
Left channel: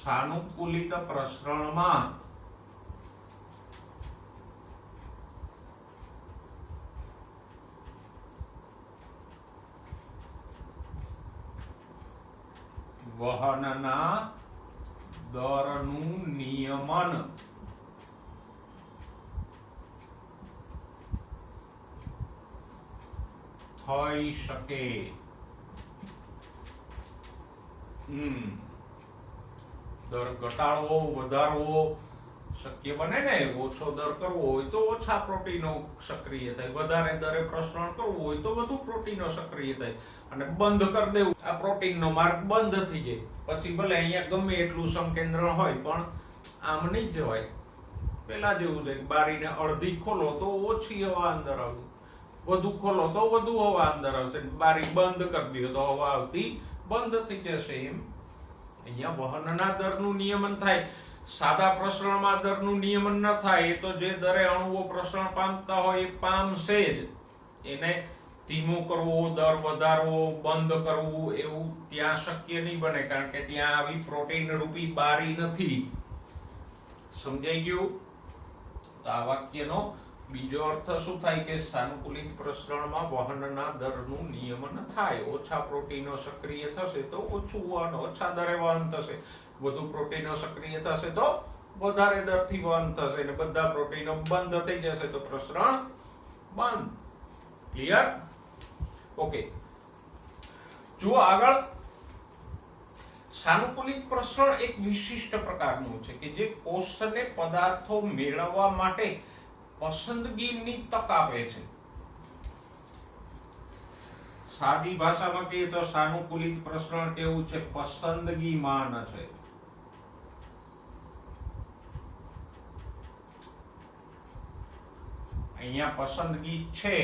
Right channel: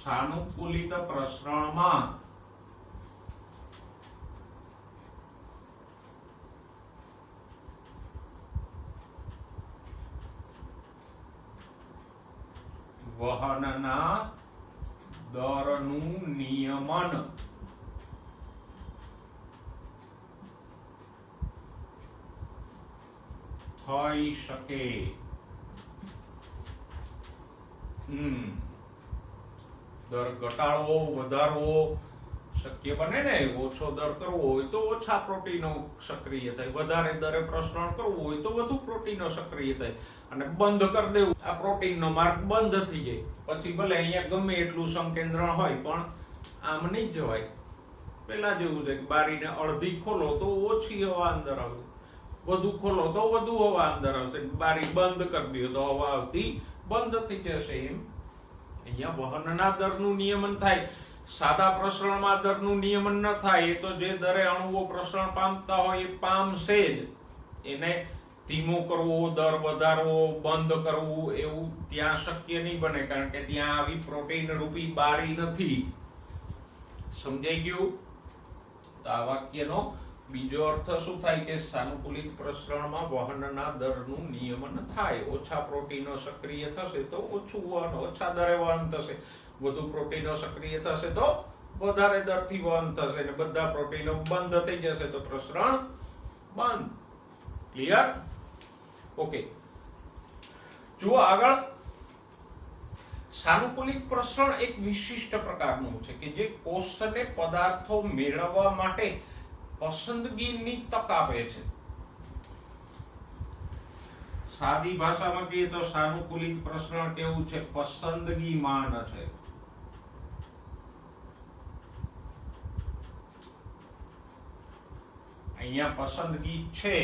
સાનુકૂલિત પ્રસરણમાં વહનના દરનું નિયમન થઈ શકે. દર ઘટાડવો વધારવો શક્ય બને ને. ઓછો દર કરવો હોય તો ઓછા પ્રોટીનો સક્રિય થાય, વધારે દરે પ્રસરણ કરવું હોય તો વધુ પ્રોટીનો સક્રિય થાય, અને બંધ કરી દેવું આ પ્રોટીનનો માર્ગ બંધ થઈ જાય. પછી ભલે અહીંયા ગમે એટલું સંકેન્દ્રણ હોય પણ આમ નહીં જવાય. પેલા જેવું છે, બારીને અડધી ખોલો તો ઓછી હવા અંદર આવે, વધુ ખોલો તો વધુ હવા અંદર આવશે, બારી બંધ કરી દો તો હવા આવતી બંધ થઈ જશે. એમ અહીંયા વહનના દરનું નિયમન થાય. સાદા પ્રસરણમાં દરનું નિયમન ન થાય. એ તો જે દરે અણુઓ પ્રસરણ પામતા હોય એ પામશે જ. એને ધીમો કરવો, દર વધારવો, બંધ કરવું એવું ત્યાં શક્ય નહીં બને, કારણ કે ત્યાં આવી પ્રોટીન રૂપી બારી નથી. સમજાઈ ગયું? તો આ વાક્યનો બીજો અર્થ શું થાય કે સાનુકૂલિત પ્રસરણમાં વહનના દરનું નિયમન થાય. ઓછા પ્રોટીનો સક્રિય થશે તો ઓછું વહન, ઓછા દરે વહન થશે. વધુ પ્રોટીનો સક્રિય થશે તો વધારે દરથી વહન થશે, અને બધા પ્રોટીનો બંધ થઈ જશે તો પ્રસરણ બંધ. ક્લિયર? ઓકે, જુઓ આગળ. સાનુકૂલિત પ્રસરણ એક વિશિષ્ટ પ્રકારનું છે કે જે કોષને પદાર્થો મેળવવા માટે પસંદગીની તક આપે છે. સાદી ભાષામાં કહીએ તો સાનુકૂલિત પ્રસરણ કેવું છે? પસંદગીમાન છે. અહીંયા પસંદગી છે.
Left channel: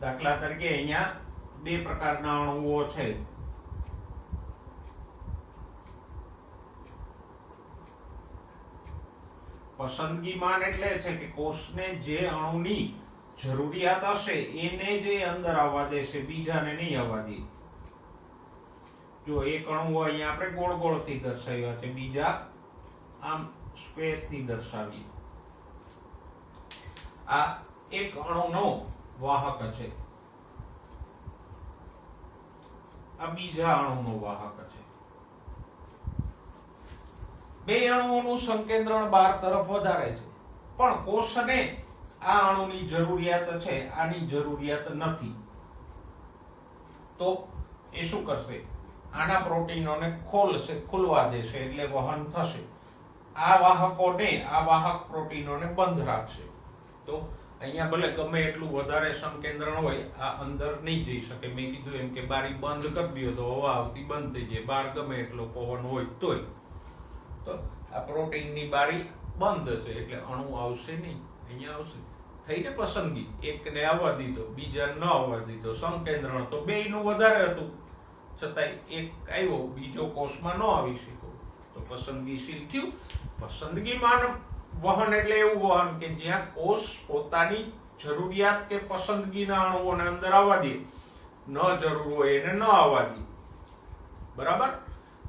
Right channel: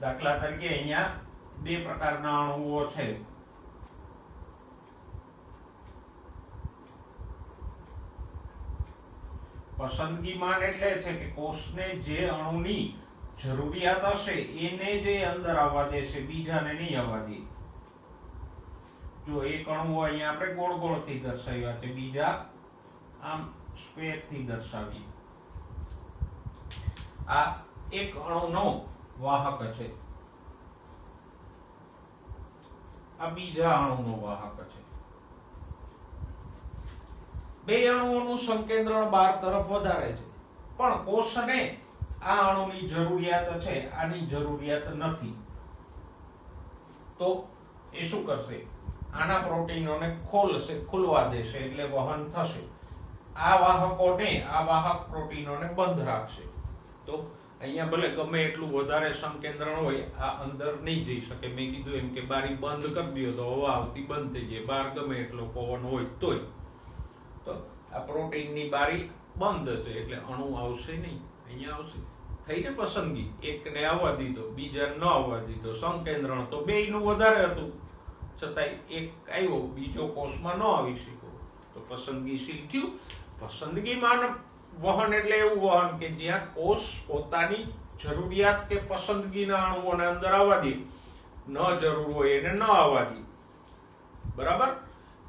દાખલા તરીકે અહીંયા બે પ્રકારના અણુઓ છે. પસંદગીમાન એટલે છે કે કોષને જે અણુની જરૂરિયાત હશે એને જે અંદર આવવા દેશે, બીજાને નહીં આવવા દે. જો એક અણુ અહીંયા આપણે ગોળ ગોળ થી દર્શાવ્યા છે, બીજા આમ સ્ક્વેર થી દર્શાવીએ. આ એક અણુનો વાહક છે, આ બીજા અણુનો વાહક છે. બે અણુઓનું સંકેન્દ્રણ બહાર તરફ વધારે છે, પણ કોષને આ અણુની જરૂરિયાત છે, આની જરૂરિયાત નથી. તો એ શું કરશે? આના પ્રોટીનોને ખોલશે, ખુલવા દેશે, એટલે વહન થશે. આ વાહકોને, આ વાહક પ્રોટીનોને બંધ રાખશે. તો અહીંયા ભલે ગમે એટલું વધારે સંકેન્દ્રણ હોય, આ અંદર નહીં જઈ શકે. મેં કીધું એમ કે બારી બંધ કરી દો તો હવા આવતી બંધ થઈ જાય. બહાર ગમે એટલો પવન હોય તોય. તો આ પ્રોટીનની બારી બંધ છે એટલે અણુ આવશે નહીં, અહીંયા આવશે. થઈ ને પસંદગી, એકને આવવા દીધો, બીજા ન આવવા દીધો. સંકેન્દ્રણ તો બેયનું વધારે હતું, છતાંય એક આવ્યો, બીજો કોષમાં ન આવી શક્યો, તો પસંદગીશીલ થયું. પસંદગીમાન વહન એટલે એવું વહન કે જ્યાં કોષ પોતાની જરૂરિયાત કે પસંદગીના અણુઓને અંદર આવવા દે, ન જરૂર હોય એને ન આવવા દે. બરાબર?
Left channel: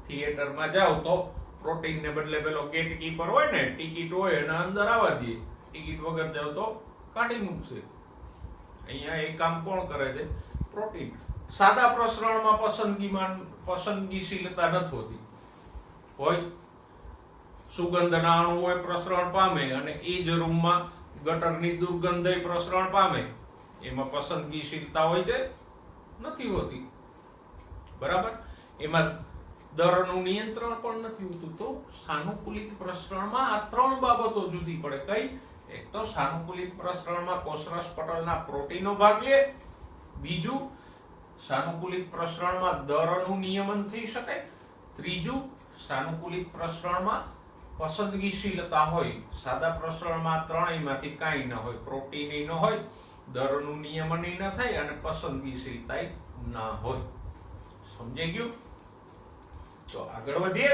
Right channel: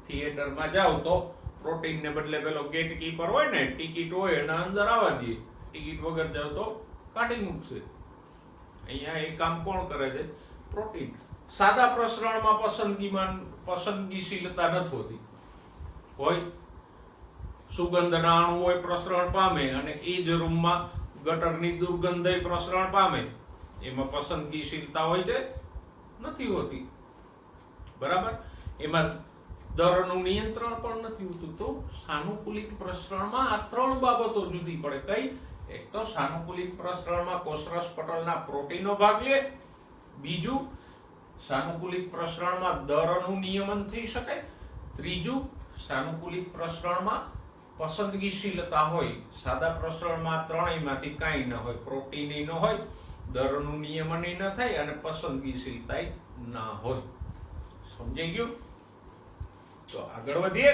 થિયેટરમાં જાવ તો પ્રોટીનને બદલે પેલો ગેટ કીપર હોય ને, ટિકિટ હોય એના અંદર આવવા દે. ટિકિટ વગર જાવ તો કાઢી મૂકશે. અહીંયા એ કામ કોણ કરે છે? પ્રોટીન. સાદા પ્રસરણમાં પસંદગીશીલતા નથી હોતી. હોય સુગંધના અણુ હોય પ્રસરણ પામે, અને એ જ રૂમમાં ગટરની દુર્ગંધ પ્રસરણ પામે. એમાં પસંદગીશીલતા હોય છે? નથી હોતી. બરાબર? એમાં દરનું નિયંત્રણ પણ નથી હોતું. તો સાનુકૂલિત પ્રસરણમાં આ ત્રણ બાબતો જુદી પડે. કઈ? એક તો સાનુકૂલિત પ્રસરણમાં કોષરસ પટલના પ્રોટીનો ભાગ લે. બીજું, સાનુકૂલિત પ્રસરણમાં દરનું નિયમન થઈ શકે. ત્રીજું, સાનુકૂલિત પ્રસરણમાં પસંદગીશીલતા હોય. સાદા પ્રસરણમાં ત્રણેયમાંથી કાંઈ ન હોય. પ્રોટીન ન હોય, દરનું નિયમન ન થાય, અને પસંદગીશીલતા ન હોય. સમજાઈ ગયું? તો આગળ વધીએ.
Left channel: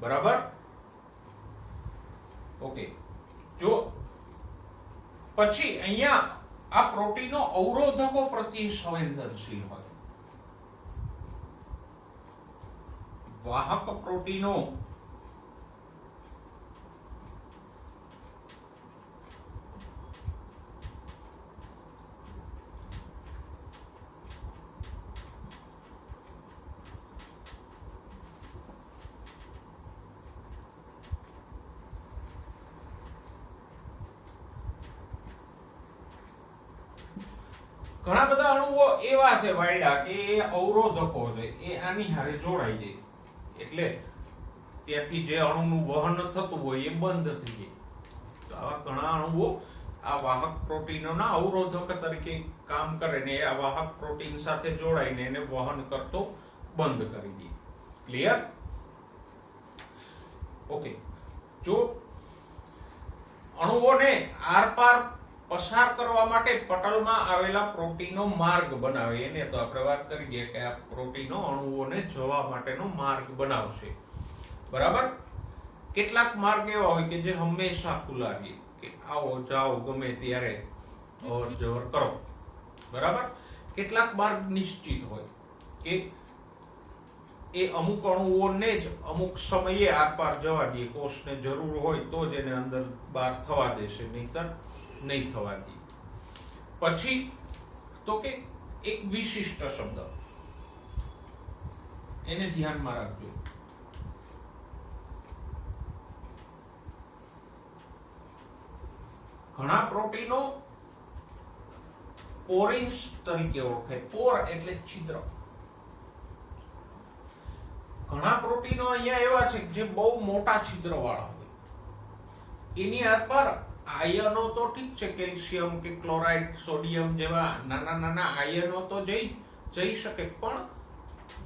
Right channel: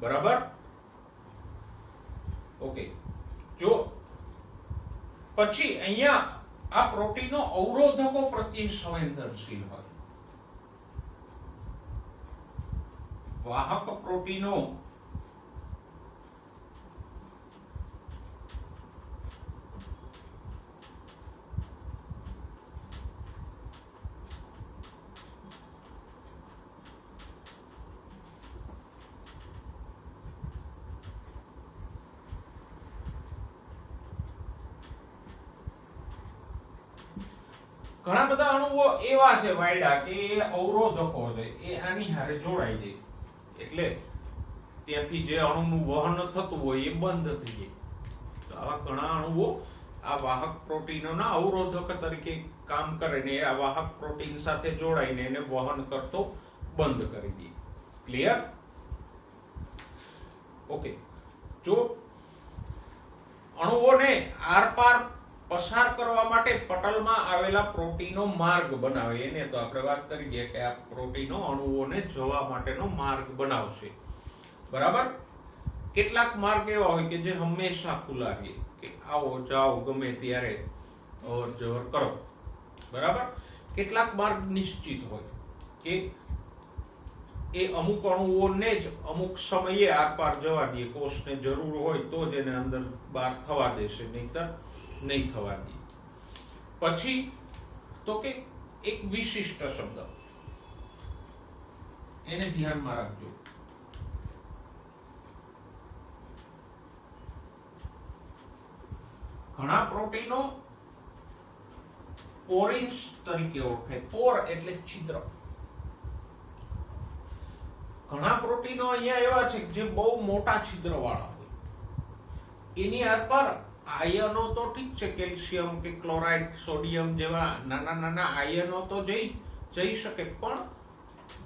બરાબર? ઓકે, જો પછી અહીંયા આ પ્રોટીનો અવરોધકો પ્રત્યે સંવેદનશીલ હોય. વાહક પ્રોટીનો ઘણા બધા અણુઓ એવા છે વાયડા કે એ અવરોધકો છે, એ આની હારે જોડાઈ જાય એટલે ત્યાંથી જે અણુનું વહન થતું હોય એ બંધ થઈ જાય. તો આવા ઘણા અણુઓ આ વાહક પ્રોટીનોના અવરોધક તરીકે કામ કરે ને આ વાહક પ્રોટીન સાથે જોડાઈને એને વહન કરતો બંધ કરી દે. ક્લિયર? ઓકે. જો અણુઓને આરપાર પસાર કરવા માટે પટલમાં આવેલા પ્રોટીનો માર્ગ બનાવે, એને તો આપણે વાત કરી દઈએ કે આ પ્રોટીનો અણુઓને જવા માટેનો માર્ગ બનાવશે. બરાબર? કેટલાક માર્ગ એવા હોય કે જે હંમેશા ખુલ્લા રહે, કે આવો જાઓ ગમે ત્યારે અવર જવર કરો. બરાબર? કેટલાક માર્ગ નિશ્ચિત હોય કે એ અમુક અણુઓને જ અમુક સમયે આરપાર જવા દે, કોષને જરૂર હોય તો જ એને અંદર બહાર થવા દેશે, નહીતર નહીં થવા દે. પછી તો કે એક વિશિષ્ટ શબ્દ, એને ધ્યાનમાં રાખજો. ઘણા પ્રોટીનો પોરિન્સ તરીકે ઓળખાય. પોર એટલે છિદ્ર. ઘણા પ્રોટીનો અહીંયા એવા છે જે બહુ મોટા છિદ્ર વાળા હોય. એની આરપાર આયનો તો ઠીક છે, કેલ્શિયમ કે ક્લોરાઇડ, સોડિયમ જેવા નાના નાના આયનો તો જઈ શકે, પણ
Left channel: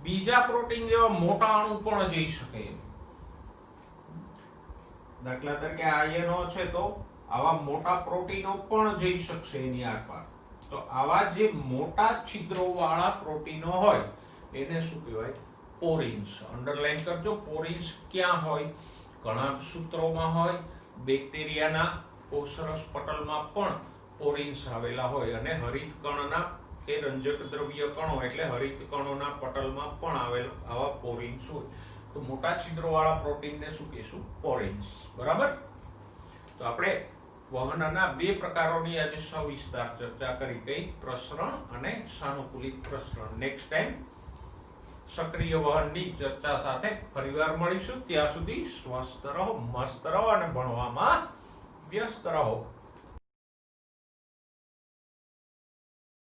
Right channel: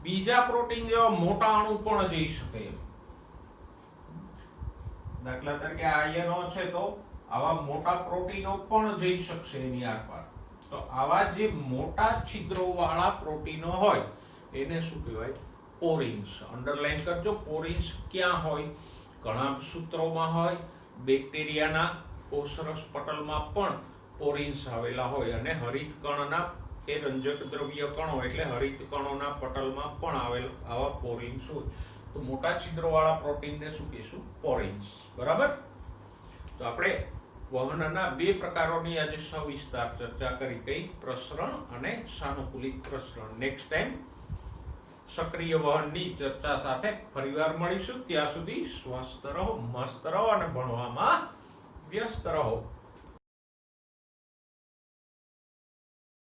બીજા પ્રોટીન જેવા મોટા અણુ પણ જઈ શકે એમ. દાખલા તરીકે આયનો છે તો આવા મોટા પ્રોટીનો પણ જઈ શકશે એની આરપાર. તો આવા જે મોટા છિદ્રો વાળા પ્રોટીનો હોય એને શું કહેવાય? પોરિન્સ. અંડરલાઈન કરજો. પોરિન્સ ક્યાં હોય? ઘણા સૂત્રોમાં હોય, બેક્ટેરિયાના કોષરસ પટલમાં પણ પોરિન્સ આવેલા હોય, અને હરિત કણના એ રંજક દ્રવ્ય કણો એટલે હરિત કણોના પટલમાં પણ આવેલ આવા પોરિન્સ હોય. તો મોટા છિદ્રો વાળા પ્રોટીનને શું કહીશું? પોરિન્સ. બરાબર? તો આપણે વહનના બે પ્રકારોની આજે સવિસ્તાર ચર્ચા કરી. કઈ? પ્રસરણ અને સાનુકૂલિત પ્રસરણ. નેક્સ્ટ ટાઈમ સક્રિય વહનની ચર્ચા સાથે ફરીવાર મળીશું. ત્યાં સુધી સ્વસ્થ રહો, મસ્ત રહો અને ભણવામાં વ્યસ્ત રહો.